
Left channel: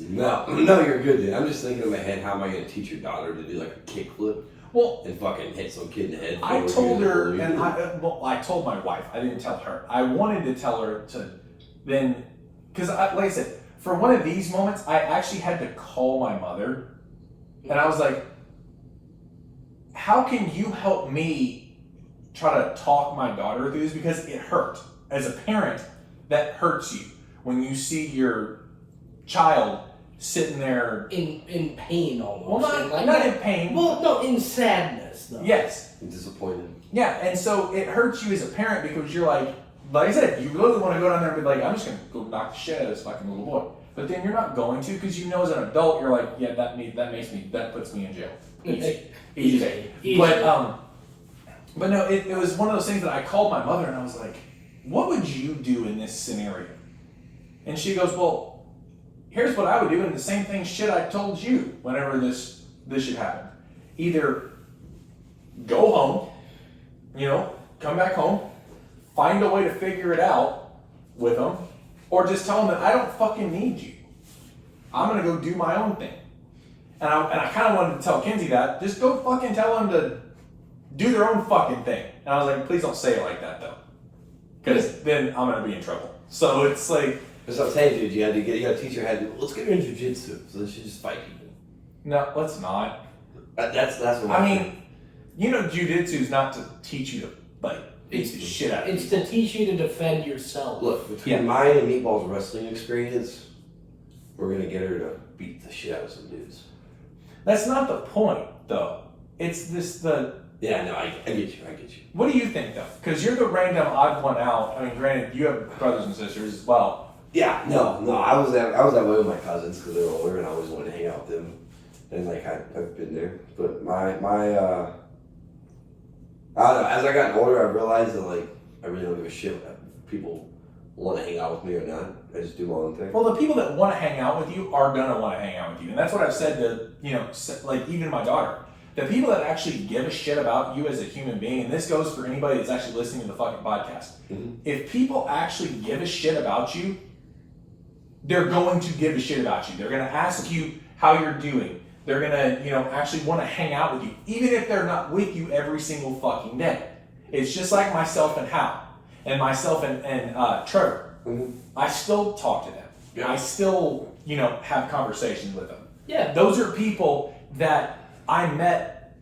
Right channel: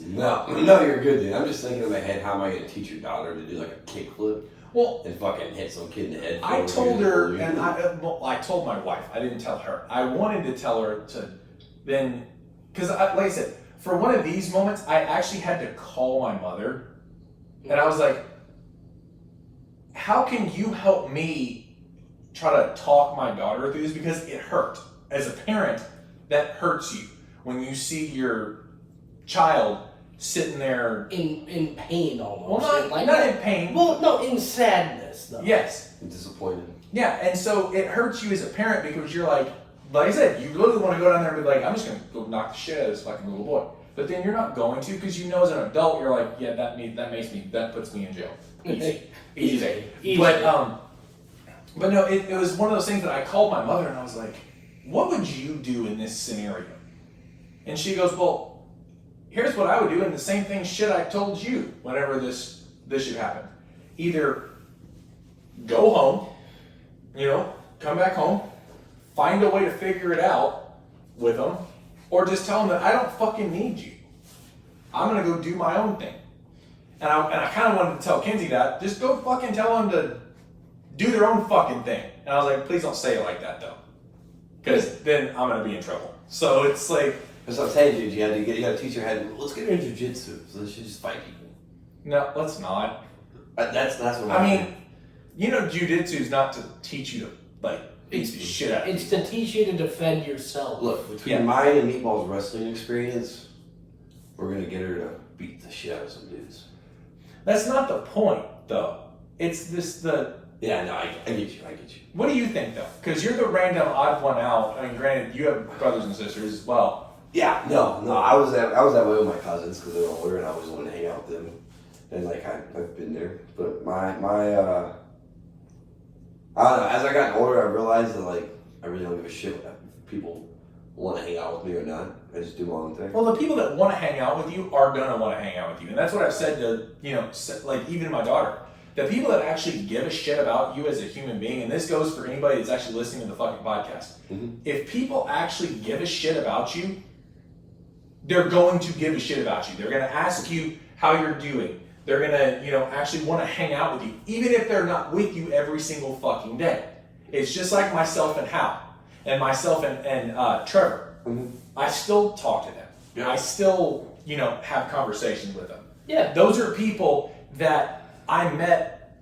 No, you're good, dude. I'm just thinking in my head, how am I going to teach your daughter to do like a kickflip? Well, and fucking hit some kid in the head. I told her, and I told my wife. I didn't tell her. I wanted to tell her to then, because like I said, for one of these moments, I actually had to call my mother, and I was like, "How can you help me try to talk my daughter through this? Because it hurt. As a parent, that hurts you when you see your child sitting there in pain almost. Well, not in pain. Well, no, in sadness though. Yes. Disappointed. Yeah, and so it hurts you as a parent because you're like I said, you literally want to go down there and be like, I'm just going to go knock the shit out of this fucking little boy. But then you're not going to, because you know as an adult, you're like, yeah, that puts me in jail. Easy. But no, it was one of those things that I called my mother and I was like, what would you do in this scenario? And she goes, well, here's what I would do, and the same thing shit I told you whenever this should happen. Either go home, you know, come back home, find a way to figure it out with them, or just tell them that I don't fucking need you. I'm gonna go do my own thing. And I kind of wanted to tell Kinsey that. Just go fucking tell them to do their own fucking thing. And I was like, please don't say it like that though, because then I'm gonna be in trouble. So it's like. That's what I'm saying, dude. You gotta teach her how to. Let's get her in jiu-jitsu, so she just fight people. No, let's not. That's what I mean, you know, jiu-jitsu is not to teach you to like beat the shit out of It's people. to teach you to defend yourself. Look, between mine and Meatball's wrestling experience, we're gonna get her to beat the shit out of some dudes. That's not the point, though. It's Yeah, no, I get you. What do you think, though? Because you're the random odd one out. I mean, granted, you have brothers and sisters as well. Yeah, no, I was that way with my cousins because they were older and I always wanted to hang out with them, and like I've been there. But my I don't know. As I got older, I realized that like I really don't give a shit if people want to hang out with me or not. I just do my own thing. Well, the people that want to hang out with you are gonna want to hang out with you, and that's what I've said to like even my daughter. The people that actually give a shit about you as a human being, and this goes for anybody that's actually listening to the fucking podcast. Mm-hmm. If people actually give a shit about you, they're going to give a shit about you. They're going to ask you how you're doing. They're going to, actually want to hang out with you, even if they're not with you every single fucking day. It's just like myself and Hal, and myself and Trevor. Mm-hmm. I still talk to them. Yeah. I still, have conversations with them. Yeah. Those are people that I met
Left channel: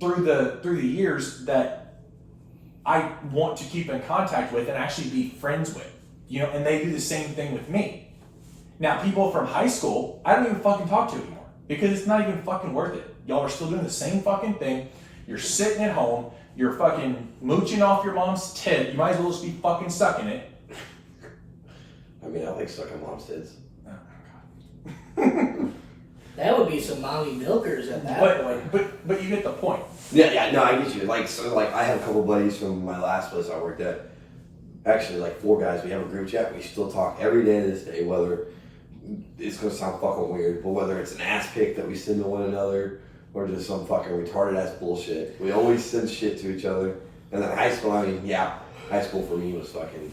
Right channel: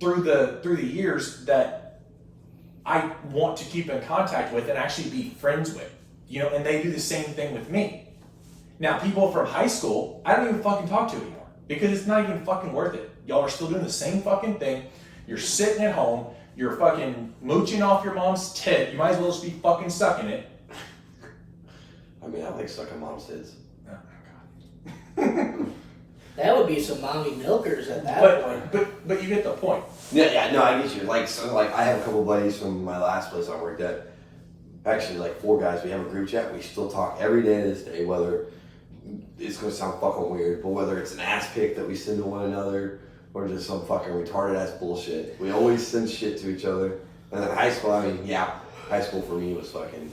through the years that I want to keep in contact with and actually be friends with. And they do the same thing with me. Now, people from high school, I don't even fucking talk to anymore because it's not even fucking worth it. Y'all are still doing the same fucking thing. You're sitting at home. You're fucking mooching off your mom's tit. You might as well just be fucking sucking it. I mean, I like sucking mom's tits. Oh my god. That would be some mommy milkers at that point. But you get the point. Yeah, no, I get you. Like I have a couple buddies from my last place I worked at. Actually, like 4 guys. We have a group chat. We still talk every day to this day. Whether it's gonna sound fucking weird, but whether it's an ass pic that we send to one another or just some fucking retarded ass bullshit, we always send shit to each other. And then high school, high school for me was fucking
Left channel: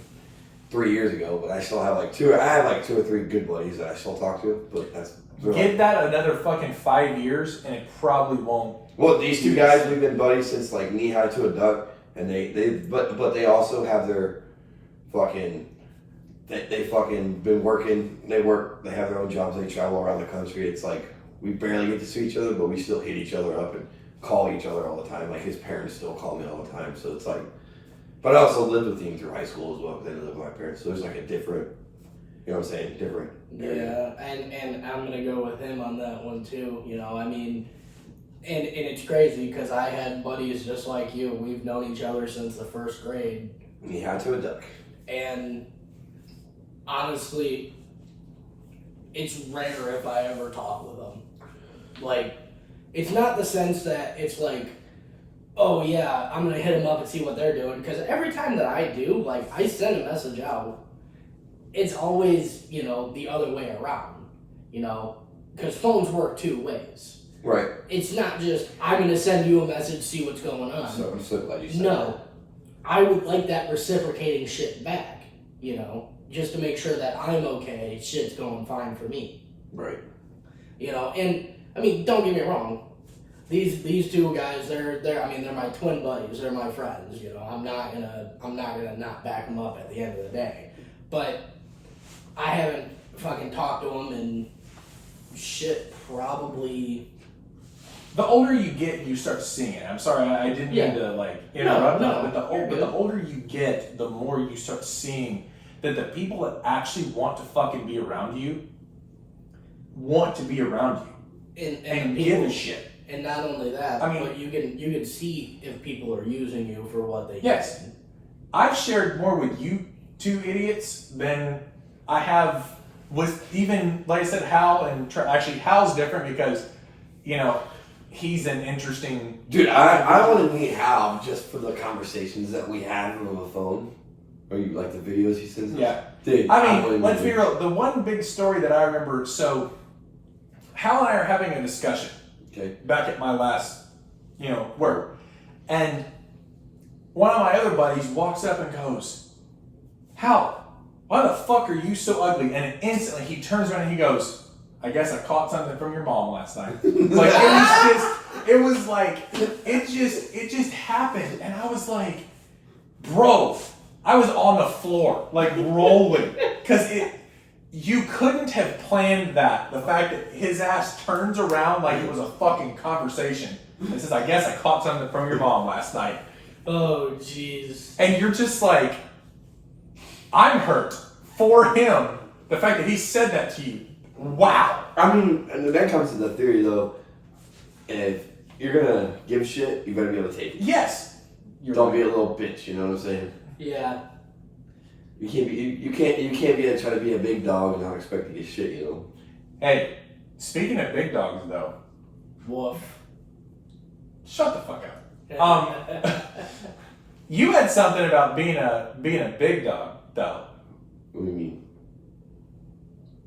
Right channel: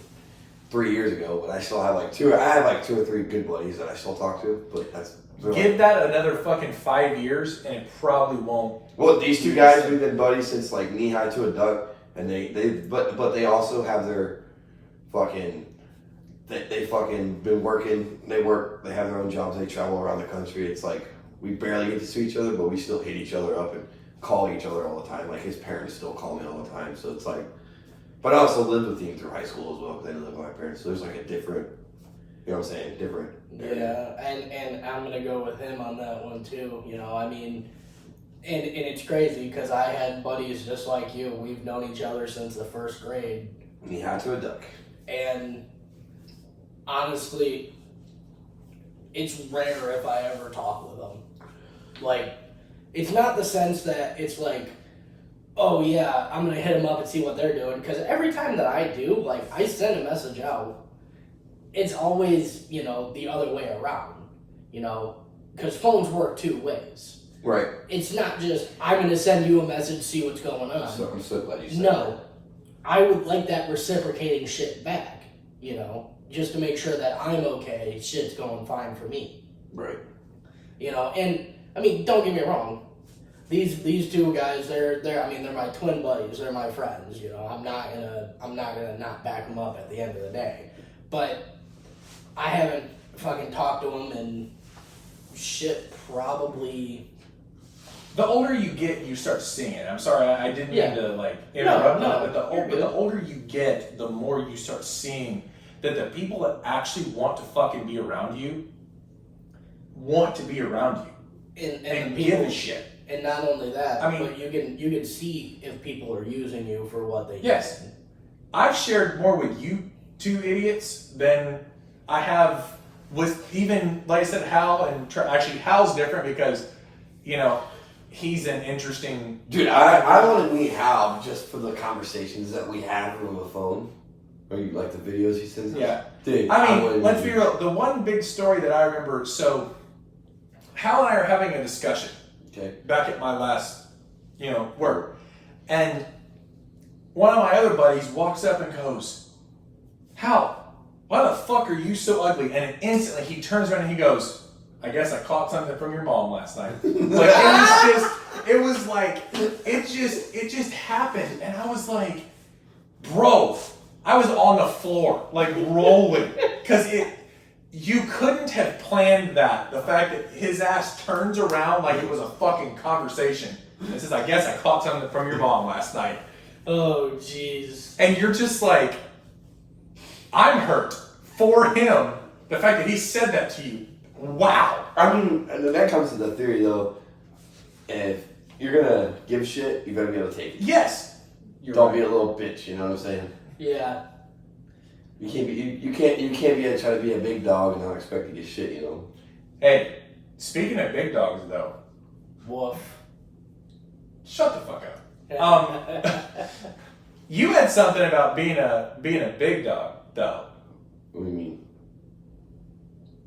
3 years ago. But I still have like 2 or 3 good buddies that I still talk to. But that's give that another fucking 5 years, and it probably won't. Well, these 2 guys, we've been buddies since like knee high to a duck, and but they also have their fucking they fucking been working. They have their own jobs. They travel around the country. It's like we barely get to see each other, but we still hit each other up and call each other all the time. Like his parents still call me all the time. So it's like, but I also lived with him through high school as well because I didn't live with my parents. So there's like a different. You know what I'm saying? Different. Yeah, and I'm gonna go with him on that one too. I mean, and it's crazy because I had buddies just like you. We've known each other since the 1st grade. Knee high to a duck. And honestly, it's rare if I ever talk with them. Like, it's not the sense that it's like, oh yeah, I'm gonna hit them up and see what they're doing. Because every time that I do, like, I send a message out. It's always, the other way around, because phones work 2 ways. Right. It's not just, I'm going to send you a message, see what's going on. So I'm so glad you said that. I would like that reciprocating shit back, just to make sure that I'm okay, shit's going fine for me. Right. And, I mean, don't get me wrong. These 2 guys, they're my twin buddies, they're my friends, I'm not gonna not back them up at the end of the day. But I haven't fucking talked to them in shit probably. The older you get, you start seeing it. I'm sorry, I didn't mean to interrupt. No, but the older you get, the more you start seeing that the people that actually want to fucking be around you want to be around you and give a shit. And not only that, I mean, but you can see if people are using you for what they yes. can. I've shared more with you 2 idiots than I have with even, like I said, Hal and actually Hal's different because, he's an interesting dude. I want to meet Hal just for the conversations that we have on the phone. Or you like the videos he sends us? Yeah. Dude, I mean, let's be real. The one big story that I remember, so Hal and I are having a discussion back at my last, work. And one of my other buddies walks up and goes, Hal, why the fuck are you so ugly? And instantly he turns around and he goes, I guess I caught something from your mom last night. Like it just happened. And I was like, bro, I was on the floor, like rolling. Because you couldn't have planned that. The fact that his ass turns around like it was a fucking conversation and says, I guess I caught something from your mom last night. Oh, jeez. And you're just like, I'm hurt for him. The fact that he said that to you. Wow. I mean, and then that comes to the theory though. If you're gonna give shit, you better be able to take it. Yes. Don't be a little bitch. You know what I'm saying? Yeah. You can't be. You can't be trying to be a big dog and not expect to get shit. You know. Hey, speaking of big dogs, though. Woof. Shut the fuck up. You had something about being a big dog, though. What do you mean?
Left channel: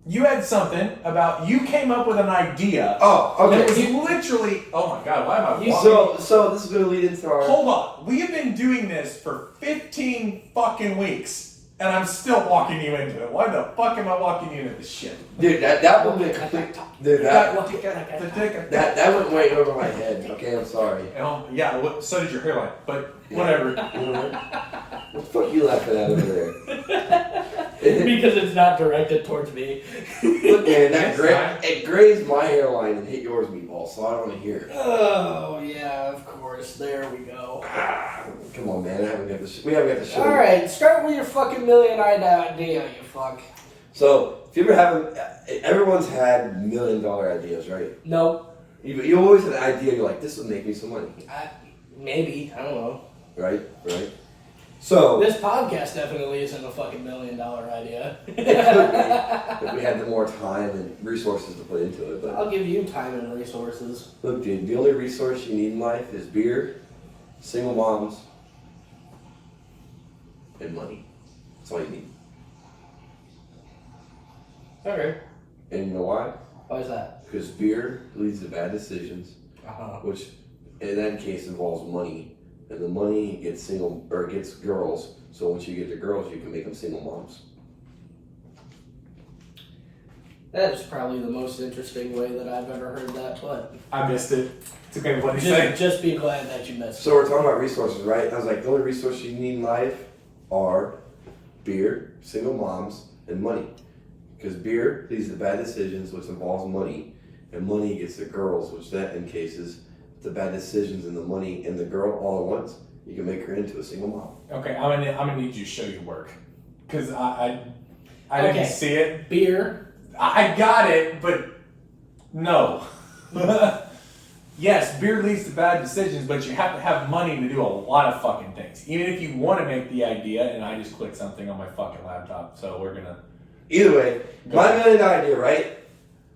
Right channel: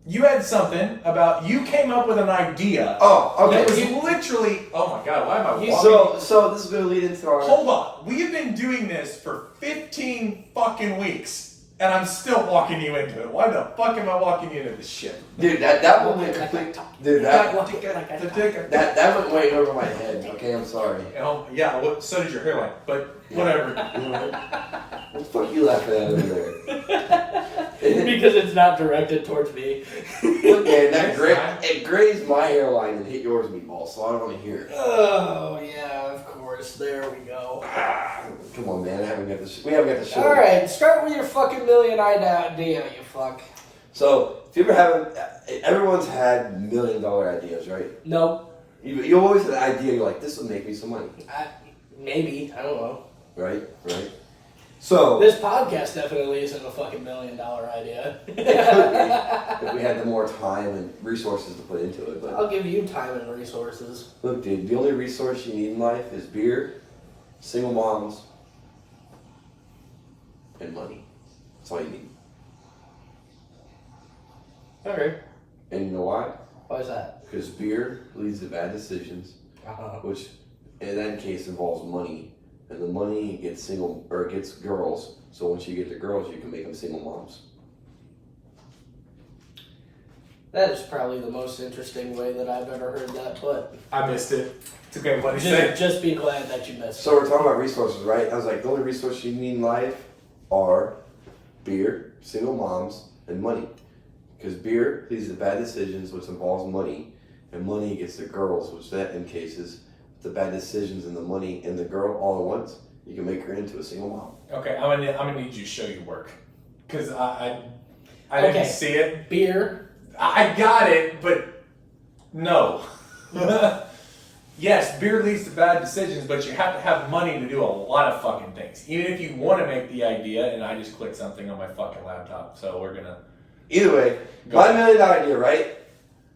You had something about you came up with an idea. Oh, okay. That was literally. Oh my god! Why am I walking? So this is gonna lead into our. Hold on. We have been doing this for 15 fucking weeks, and I'm still walking you into it. Why the fuck am I walking you into this shit? Dude, that one went complete. Dude, that went right over my head. Okay, I'm sorry. Yeah. So did your hairline, but whatever. What the fuck you laughing at over there? Because it's not directed towards me. Look, man, it grazed my hairline and hit yours, Meaball, so I don't want to hear it. Oh, yeah, of course. There we go. Come on, man. We haven't got the show. Alright, start with your fucking million-eyed idea, you fuck. So, if you ever have, everyone's had $1 million ideas, right? Nope. You always had an idea, you're like, this would make me some money. Maybe. I don't know. Right? So this podcast definitely isn't a fucking $1 million idea. it could be if we had the more time and resources to put into it. But I'll give you time and resources. look, dude, the only resource you need in life is beer, single moms, and money. That's all you need. Okay. And you know why? Why is that? Because beer leads to bad decisions, Uh-huh. which in that case involves money. And the money gets gets girls. So once you get the girls, you can make them single moms. That is probably the most interesting way that I've ever heard that, but I missed it. It's okay. What did you say? just be glad that you missed it. So we're talking about resources, right? I was like, the only resources you need in life are beer, single moms, and money. Because beer leads to bad decisions, which involves money, and money gets the girls, which that in cases the bad decisions and the money and the girl all at once. You can make her into a single mom. Okay, I'm gonna need you to show your work because I didn't see it. Beer. I got it, but no. Yes, beer leads to bad decisions, but you have to have money to do a lot of fucking things. Even if you want to make the idea, and I just clicked something on my fucking laptop, so we're gonna. Either way, my $1 million idea, right?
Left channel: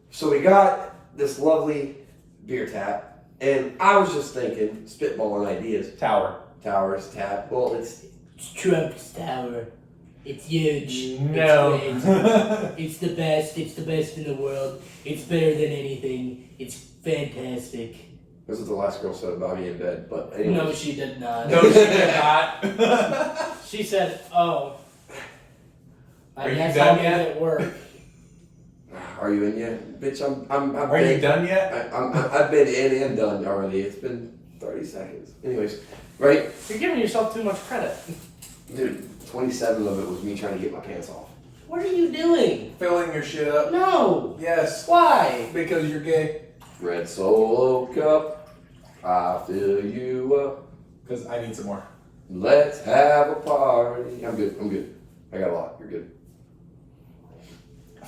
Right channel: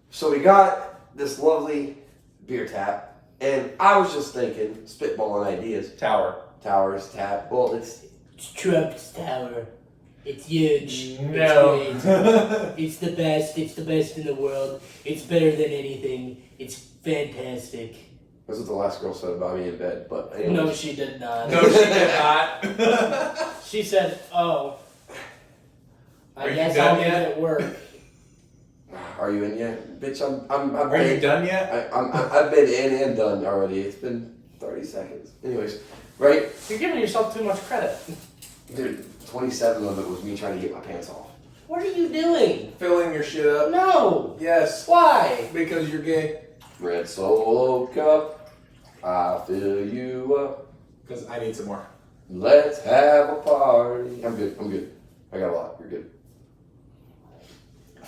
So we got this lovely beer tap. And I was just thinking, spitballing ideas. Towers, tap. Well, it's Trump's Tower. It's huge. No. It's great. It's the best. It's the best in the world. It's better than anything. It's fantastic. This is the last girl said about me in bed, but anyways. No, she did not. No, she did not. She said, "Oh, I Are you guess done I'll yet? be at work." Are you in yet? Bitch, Are you done yet? I've been in and done already. It's been 30 seconds. Anyways, right? You're giving yourself too much credit. Dude, 27 of it was me trying to get my pants off. What are you doing? Filling your shit up. No. Yes. Why? Because you're gay. Red Solo Cup, I fill you up. Because I need some more. Let's have a party. I'm good. I got a lot. You're good.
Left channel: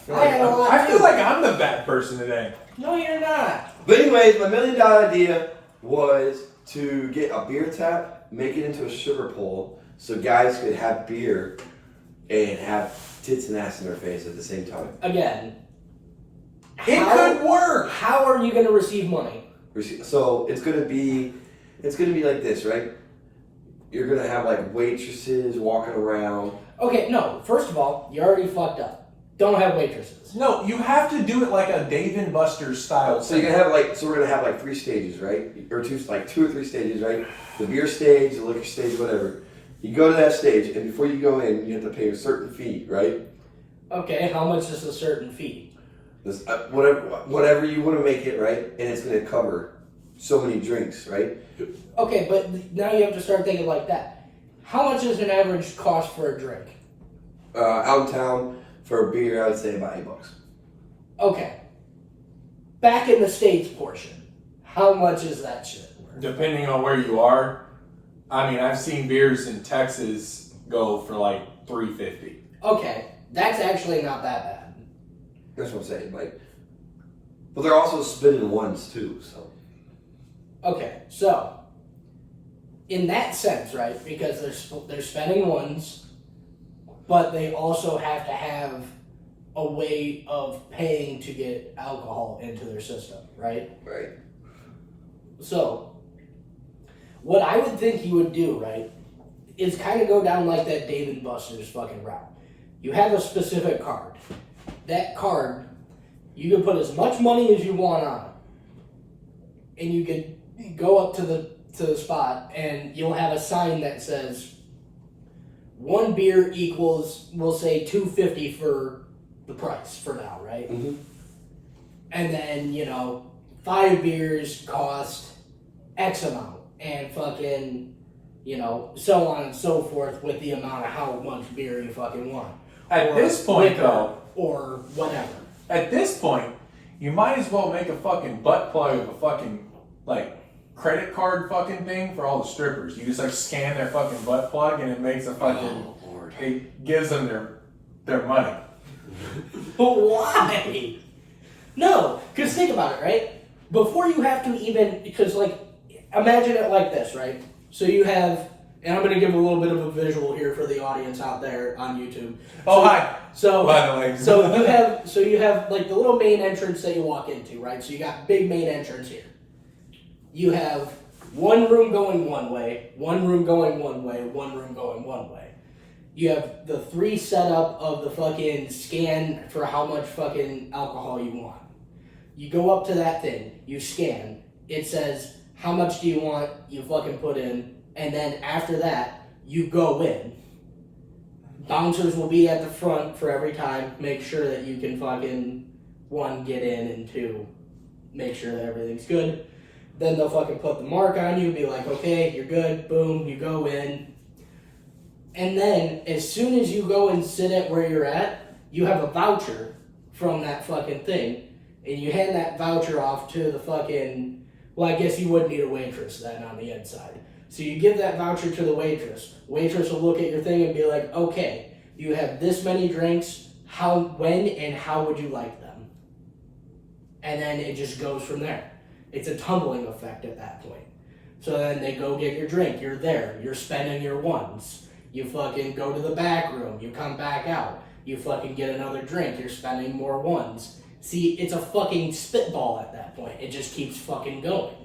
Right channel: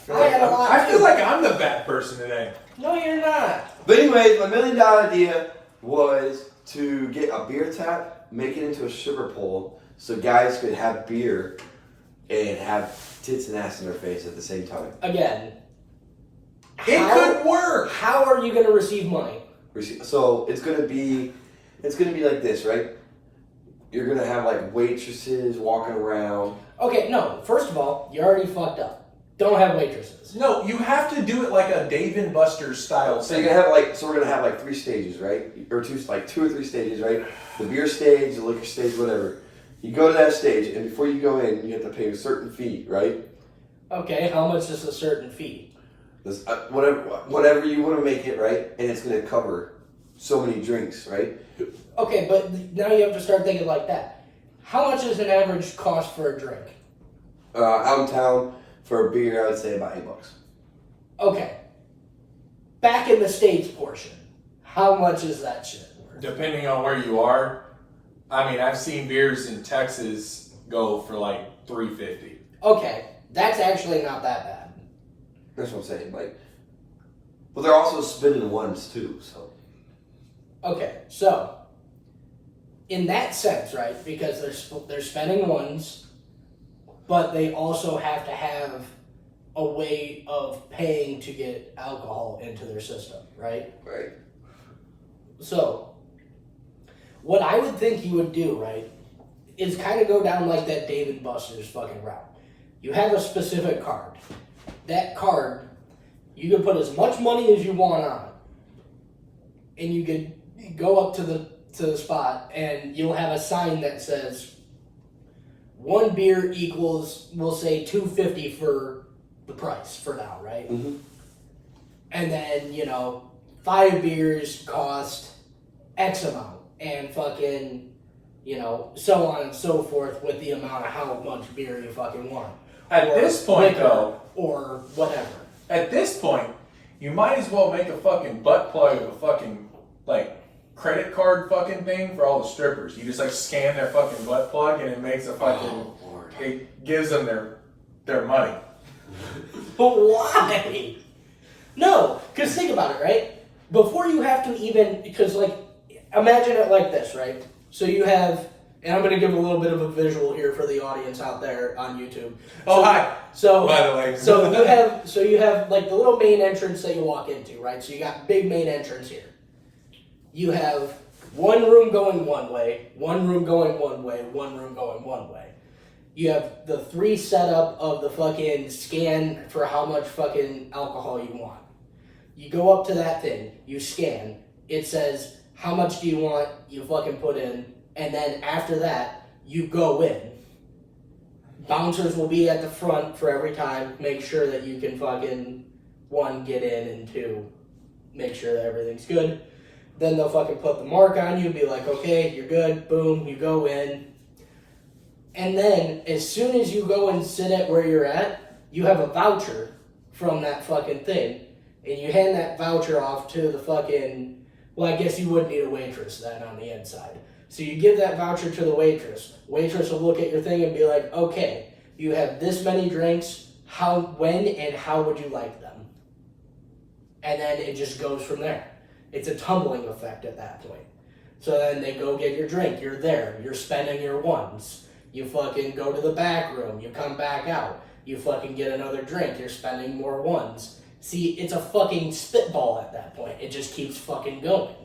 I feel like I'm the bad person today. No, you're not. But anyways, my $1 million idea was to get a beer tap, make it into a sugar bowl, so guys could have beer and have tits and ass in their face at the same time. Again. It could work. How are you going to receive money? So it's gonna be like this, right? You're gonna have like waitresses walking around. Okay, no. First of all, you already fucked up. Don't have waitresses. No, you have to do it like a Dave and Buster's style. So you're gonna have we're gonna have like 3 stages, right? Or 2 or 3 stages, right? The beer stage, the liquor stage, whatever. You go to that stage, and before you go in, you have to pay a certain fee, right? Okay, how much is a certain fee? This, whatever you want to make it, right? And it's gonna cover so many drinks, right? Okay, but now you have to start thinking like that. How much is an average cost for a drink? Out in town for a beer, I would say about $8. Okay. Back in the States portion, how much is that shit? Depending on where you are. I mean, I've seen beers in Texas go for like $3.50. Okay, that's actually not that bad. That's what I'm saying. Like, but they're also spinning ones too. So Okay, so in that sense, right? Because they're spending ones, but they also have to have a way of paying to get alcohol into their system, right? right. So what I would think you would do, right, is kind of go down like that Dave & Buster's fucking route. You have a specific card. That card, you can put as much money as you want on it, and you can go up to the spot, and you'll have a sign that says one beer equals, we'll say $2.50 for the price for now, right? Mm-hmm. And then 5 beers cost X amount, and fucking so on and so forth with the amount of how much beer you fucking want. At this point, though, or whatever. At this point, you might as well make a fucking butt plug of a fucking, like, credit card fucking thing for all the strippers. You just, like, scan their fucking butt plug and it makes a fucking, it gives them their money. But why? No, because think about it, right? Before you have to even, because, like, imagine it like this, right? So you have, and I'm going to give a little bit of a visual here for the audience out there on YouTube. Oh, hi. So, by the way. so you have like the little main entrance that you walk into, right? So you got big main entrance here. You have one room going one way, one room going one way, one room going one way. You have the 3 setup of the fucking scan for how much fucking alcohol you want. You go up to that thing, you scan, it says, how much do you want? You fucking put in, and then after that, you go in. Bouncers will be at the front for every time. Make sure that you can fucking, 1, get in, and 2, make sure that everything's good. Then they'll fucking put the mark on you, be like, okay, you're good, boom, you go in. And then, as soon as you go and sit at where you're at, you have a voucher from that fucking thing, and you hand that voucher off to the fucking, well, I guess you would need a waitress then on the inside. So you give that voucher to the waitress. Waitress will look at your thing and be like, okay, you have this many drinks, when, and how would you like them? And then it just goes from there. It's a tumbling effect at that point. So then they go get your drink, you're there, you're spending your ones. You fucking go to the back room, you come back out, you fucking get another drink, you're spending more ones. See, it's a fucking spitball at that point. It just keeps fucking going.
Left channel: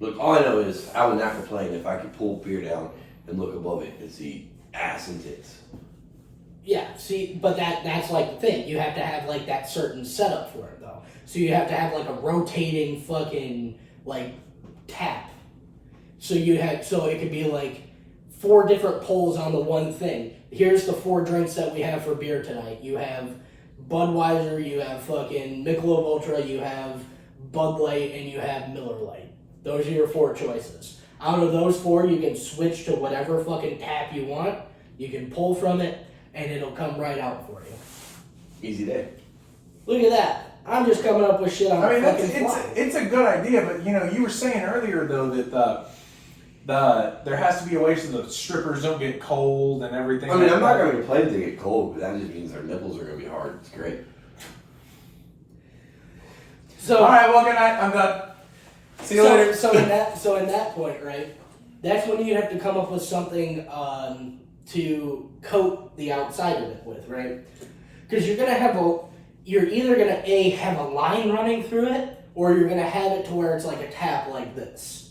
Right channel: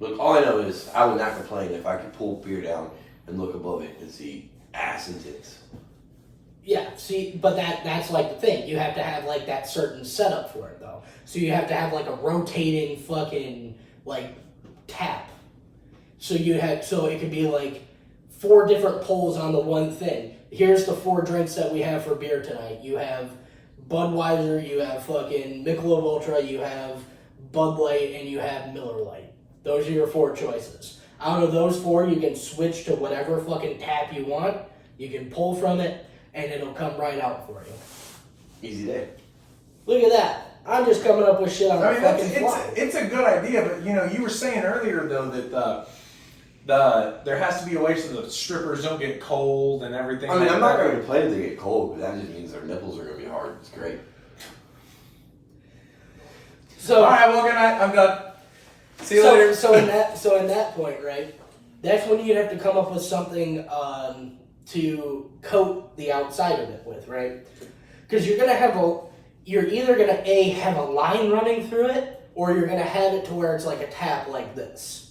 Look, all I know is I would not complain if I could pull beer down and look above it and see ass and tits. Yeah, see, but that's like the thing. You have to have like that certain setup for it though. So you have to have like a rotating fucking like tap. So it could be like 4 different pulls on the one thing. Here's the 4 drinks that we have for beer tonight. You have Budweiser, you have fucking Michelob Ultra, you have Bud Light, and you have Miller Lite. Those are your 4 choices. Out of those 4, you can switch to whatever fucking tap you want. You can pull from it, and it'll come right out for you. Easy day. Look at that. I'm just coming up with shit on the fucking fly. It's a good idea, but you were saying earlier though that there has to be a way so the strippers don't get cold and everything. I mean, I'm not going to complain if they get cold, but that just means their nipples are going to be hard. It's great. So, all right, well, good night. I'm done. See you later. So in that point, right? That's when you have to come up with something to coat the outside of it with, right? Because you're either gonna have a line running through it, or you're gonna have it to where it's like a tap like this.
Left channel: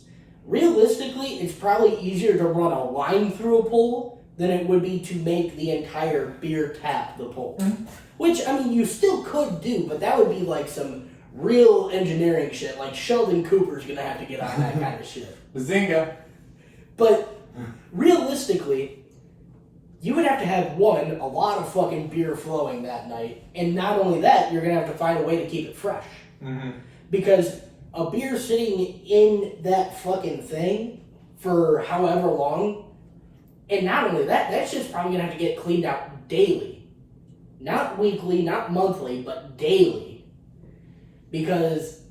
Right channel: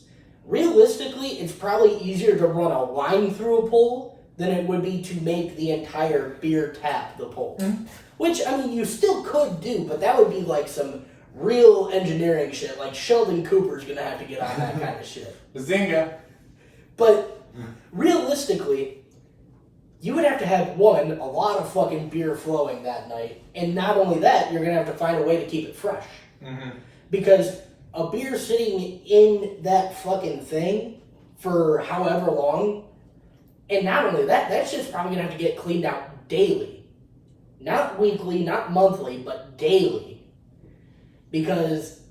Realistically, it's probably easier to run a line through a pole than it would be to make the entire beer tap the pole. Mm-hmm. Which, I mean, you still could do, but that would be like some real engineering shit. Like Sheldon Cooper's gonna have to get on that kind of shit. Bazinga. But realistically, you would have to have, a lot of fucking beer flowing that night. And not only that, you're gonna have to find a way to keep it fresh. Mm-hmm. Because a beer sitting in that fucking thing for however long, and not only that, that shit's probably gonna have to get cleaned out daily. Not weekly, not monthly, but daily. Because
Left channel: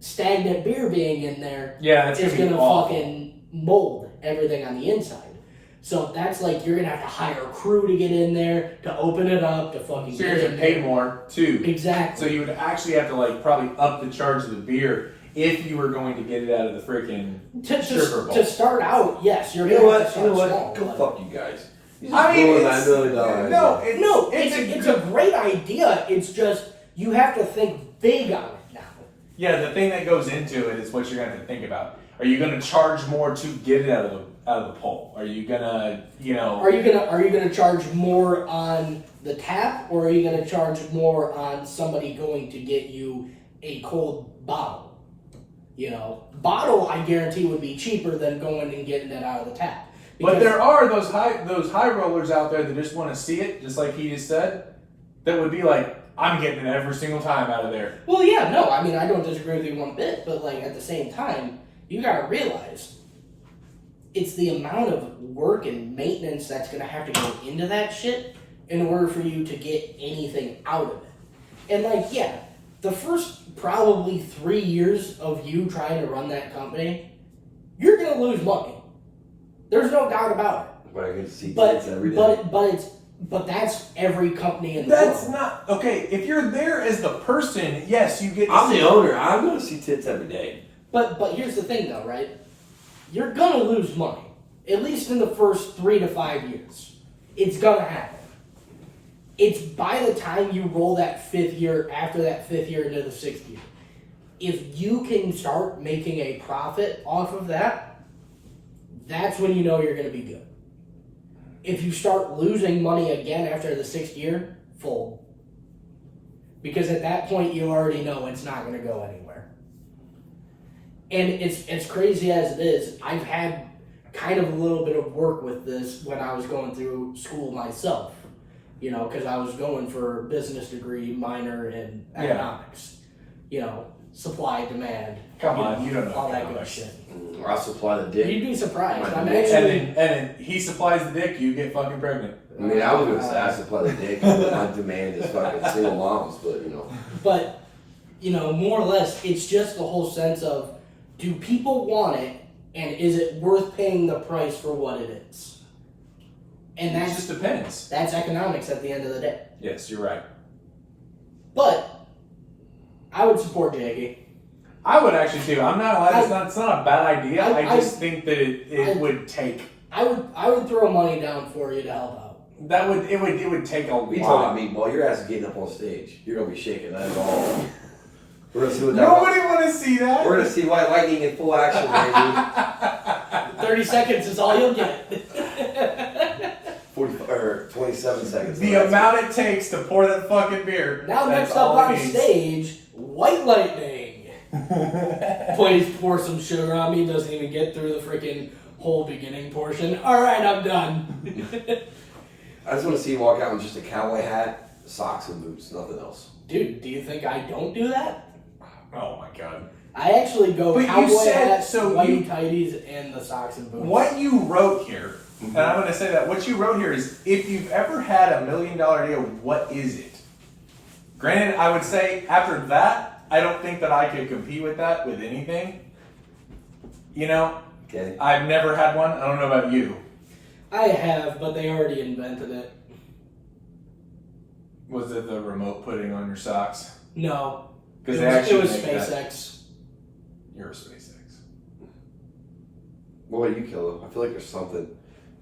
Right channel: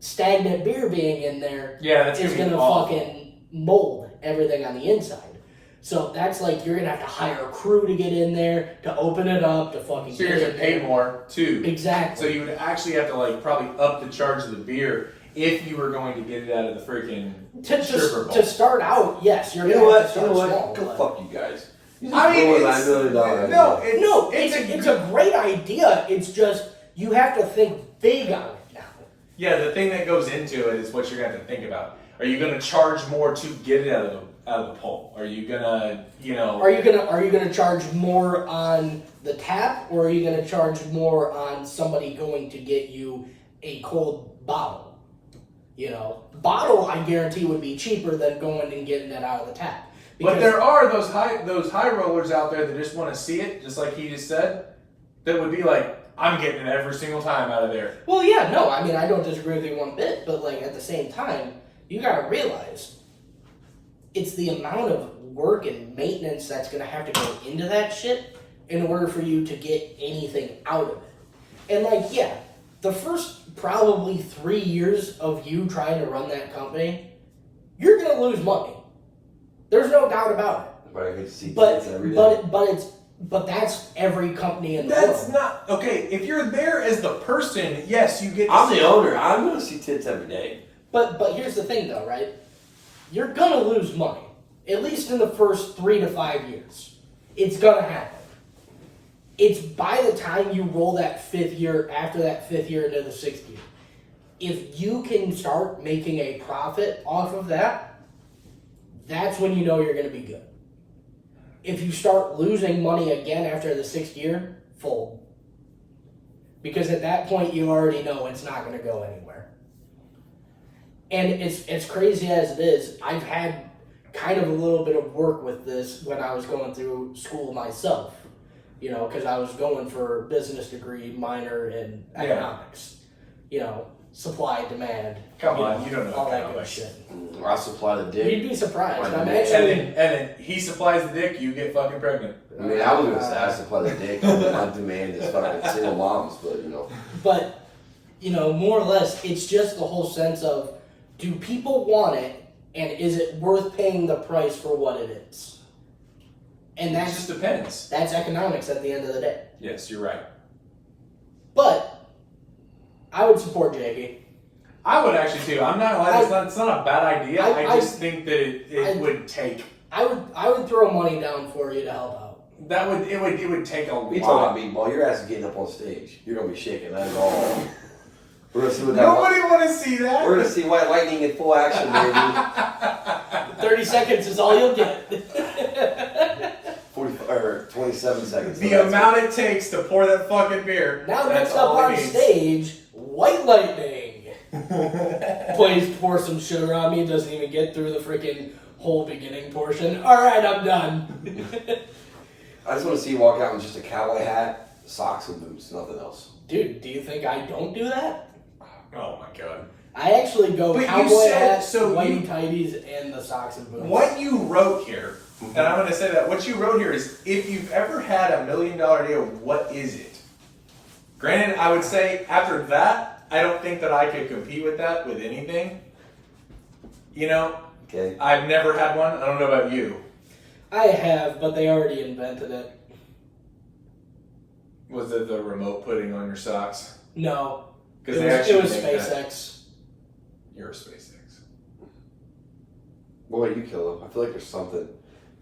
stagnant beer being in there that's is gonna fucking mold everything on the inside. So that's like you're gonna have to hire a crew to get in there, to open it up, to fucking. So you're gonna pay more too. Exactly. So you would actually have to like probably up the charge of the beer if you were going to get it out of the freaking stripper bowl. To start out, yes, you're You know gonna what? have to You know start what? small. Go fuck you guys. I mean, It's a great idea. It's just you have to think big on it now. Yeah, the thing that goes into it is what you're gonna have to think about. Are you gonna charge more to get it out of the pole? Are you gonna, Are you gonna charge more on the tap, or are you gonna charge more on somebody going to get you a cold bottle? Bottle I guarantee would be cheaper than going and getting it out of the tap. But there are those high rollers out there that just want to see it, just like he just said. That would be like, I'm getting it every single time out of there. Well, yeah, no, I mean I don't disagree with you one bit, but like at the same time, you gotta realize it's the amount of work and maintenance that's gonna have to go into that shit in order for you to get anything out of it. And like, yeah, the first probably 3 years of you trying to run that company, you're gonna lose money. There's no doubt about it. But I get to see tits every day. But that's every company in the That's world. not okay. If you're there as the person, yes, you get. To I'm see the owner. I'm gonna see tits every day. But here's the thing though, right? You're gonna lose money. At least in the first 3 to 5 years. It's gonna happen. It's by the time you roll that 5th year, after that 5th year into the 6th year. If you can start making a profit off of that, that's when you know you're gonna be good. If you start losing money again after the 6th year, fold. Because at that point you already know it's not gonna go anywhere. And it's crazy as it is, I've had kind of a little bit of work with this when I was going through school myself. Because I was going for a business degree, minor in economics. Supply, demand. Come on, you don't know all that good economics. shit. I supply the dick. You'd be surprised. Right. I'm And actually. then he supplies the dick, you get fucking pregnant. I mean, I was gonna say I supply the dick on demand as fucking single moms, but But, more or less, it's just the whole sense of, do people want it, and is it worth paying the price for what it is? And That just depends. that's economics at the end of the day. Yes, you're right. But I would support Jakey. I would actually too. I'm not lying. It's not a bad idea. I just think that it would take. I would throw money down for you to help out. It would take a we talking lot. about Meatball. Your ass is getting up on stage. You're gonna be shaking. That's all. We're gonna see what Nobody want to see that. We're gonna see White Lightning in full action, baby. 30 seconds is all you'll get. 27 seconds. The amount it takes to pour that fucking beer. Now that's next up all it on needs. stage, White Lightning. Pour some sugar on me, doesn't even get through the freaking whole beginning portion. Alright, I'm done. I just want to see you walk out with just a cowboy hat, socks, and boots. Nothing else. Dude, do you think I don't do that? Oh my god. I actually go But you cowboy said- hat, so whitey you- tighties, and the socks and boots. What you wrote here, and I'm going to say that, what you wrote here is, if you've ever had $1 million deal, what is it? Granted, I would say after that, I don't think that I could compete with that with anything. Okay. I've never had one. I don't know about you. I have, but they already invented it. Was it the remote putting on your socks? No. It Because was SpaceX. You're a SpaceX. What about you, Killa? I feel like there's something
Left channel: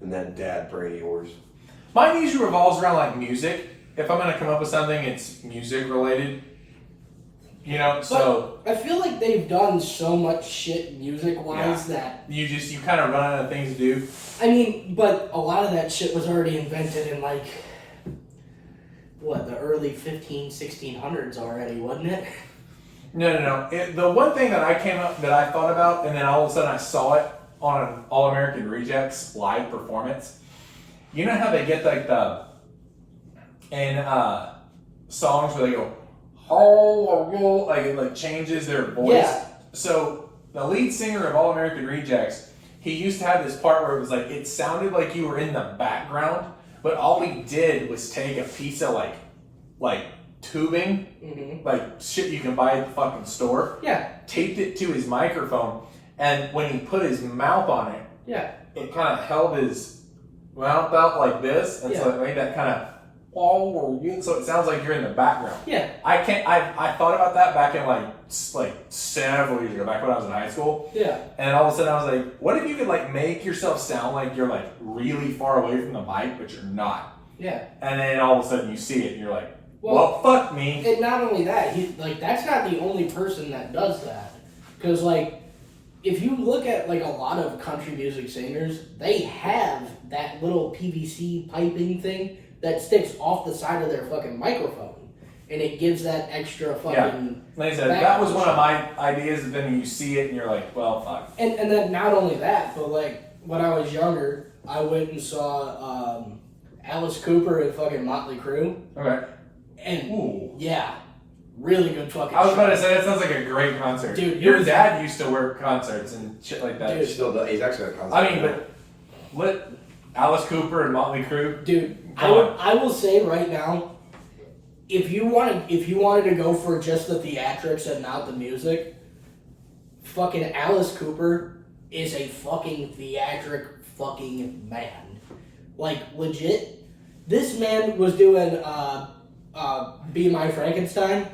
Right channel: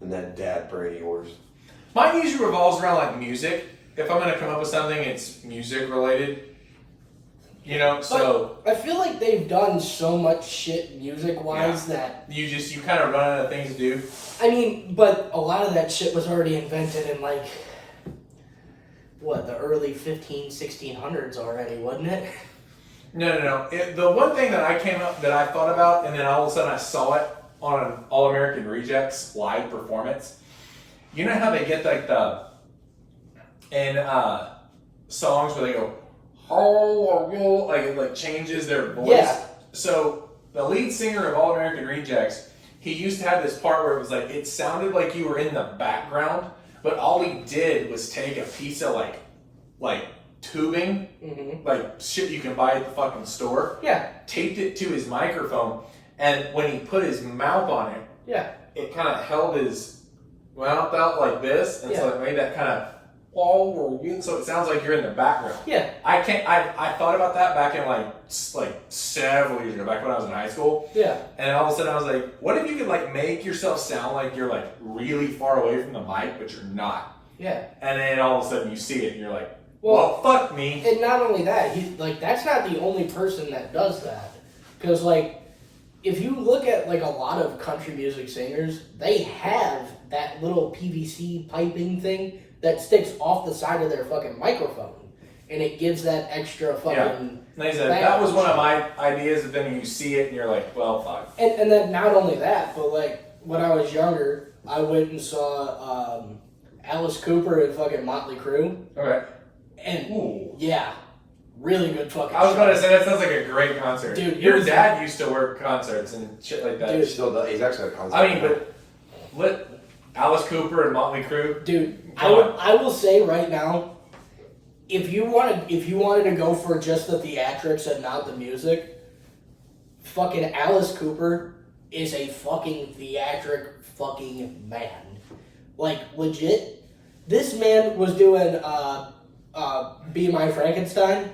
in that dad brain of yours. Mine usually revolves around like music. If I'm going to come up with something, it's music related. So I feel like they've done so much shit music-wise that... you kind of run out of things to do. I mean, but a lot of that shit was already invented in like... the early 1600s already, wasn't it? No. The one thing that I thought about, and then all of a sudden I saw it on an All American Rejects live performance. You know how they get like songs where they go, oh, like it like changes their voice. Yeah. So the lead singer of All American Rejects, he used to have this part where it was like it sounded like you were in the background, but all he did was take a piece of like tubing, like shit you can buy at the fucking store. Yeah. Taped it to his microphone, and when he put his mouth on it, Yeah. it kind of held his wound out like this, and Yeah. so it made that kind of so it sounds like you're in the background. Yeah. I thought about that back in like several years ago, back when I was in high school. Yeah. And all of a sudden I was like, what if you could like make yourself sound like you're like really far away from the mic, but you're not? Yeah. And then all of a sudden you see it and you're like, well fuck me. And not only that, that's not the only person that does that. Because like, if you look at like a lot of country music singers, they have that little PVC piping thing that sticks off the side of their fucking microphone, and it gives that extra fucking. Like I said, that was one of my ideas. And then you see it and you're like, well, fuck. And then not only that, but like when I was younger, I went and saw Alice Cooper and fucking Motley Crue. Okay. And yeah, really good fucking. I was about to say that sounds like a great concert, dude. Your dad used to work concerts and shit like that. Dude, still does. He's actually a concert. I mean, but Alice Cooper and Motley Crue, dude. I will say right now, if you wanted to go for just the theatrics and not the music, fucking Alice Cooper is a fucking theatric fucking man. Like legit, this man was doing Be My Frankenstein,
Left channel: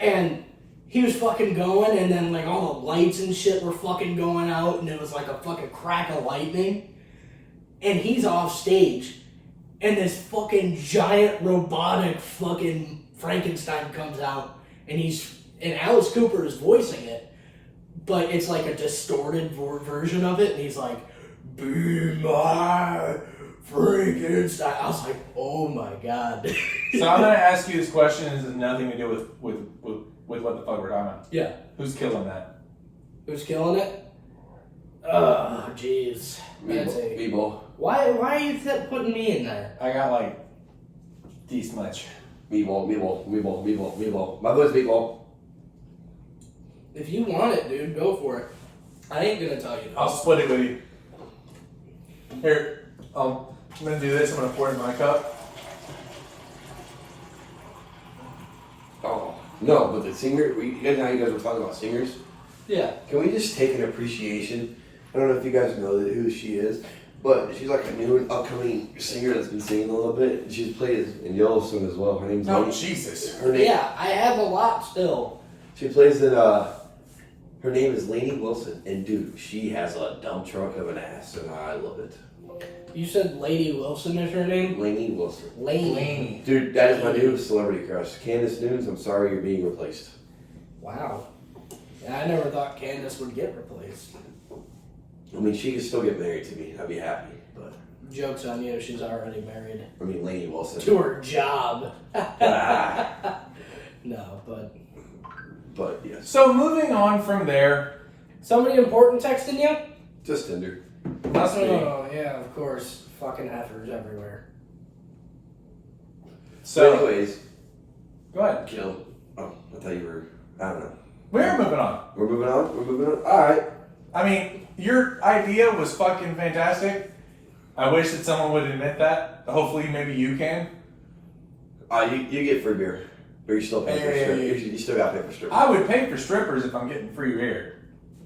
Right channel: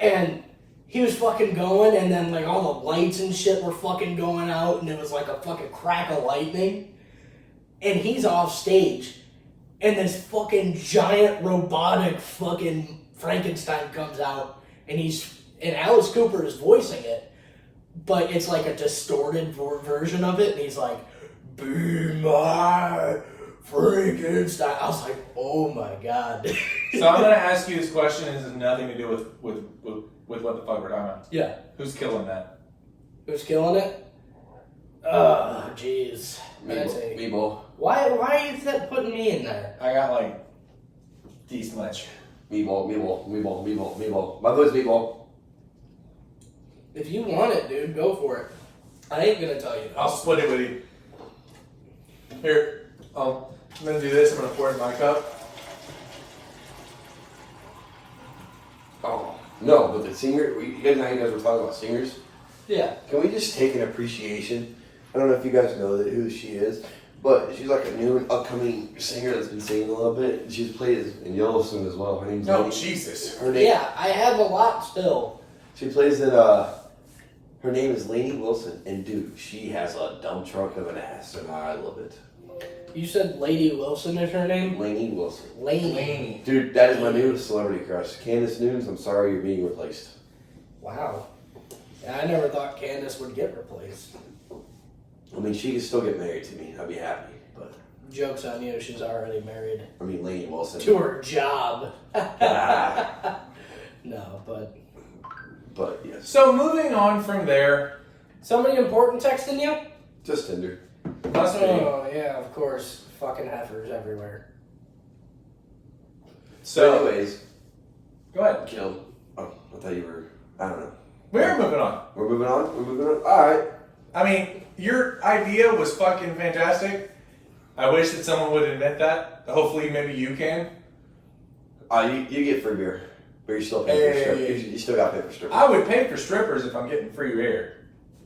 and he was fucking going, and then like all the lights and shit were fucking going out, and it was like a fucking crack of lightning. And he's off stage, and this fucking giant robotic fucking Frankenstein comes out, and Alice Cooper is voicing it, but it's like a distorted version of it, and he's like, "Be my Frankenstein." I was like, oh my god. So I'm gonna ask you this question. This has nothing to do with what the fuck we're talking about. Yeah. Who's killing that? Who's killing it? Oh, jeez. Meaball. Why are you putting me in there? I got like this much. Meaball. My boy's Meaball. If you want it, dude, go for it. I ain't gonna tell you. I'll split it with you. Here, I'm gonna do this. I'm gonna pour it in my cup. Oh no, but the singer. You guys know how you guys were talking about singers. Yeah. Can we just take an appreciation? I don't know if you guys know who she is, but she's like a new and upcoming singer that's been singing a little bit. She's played in Yellowstone as well. Her name's Oh, Lainey. Jesus. Her name, Yeah, I have a lot still. She plays in, her name is Lainey Wilson, and dude, she has a dump truck of an ass, and I love it. You said Lady Wilson is her name? Lainey Wilson. Lainey. Dude, that is my new celebrity crush. Candace Nunes, I'm sorry you're being replaced. Wow. Yeah, I never thought Candace would get replaced. I mean, she can still get married to me. I'd be happy, but... Joke's on you, she's already married. I mean, Lainey Wilson. To her job. Ah. No, but... But, yes. So moving on from there. Somebody important texting you? Just Tinder. Must be. Oh, yeah, of course. Fucking heifers everywhere. So, anyways, go ahead. Kill. Oh, I thought you were... I don't know. We're moving on. We're moving on? Alright. I mean, your idea was fucking fantastic. I wish that someone would admit that. Hopefully, maybe you can. You get free beer. But you're still paying for strippers. You still got to pay for strippers. I would pay for strippers if I'm getting free beer.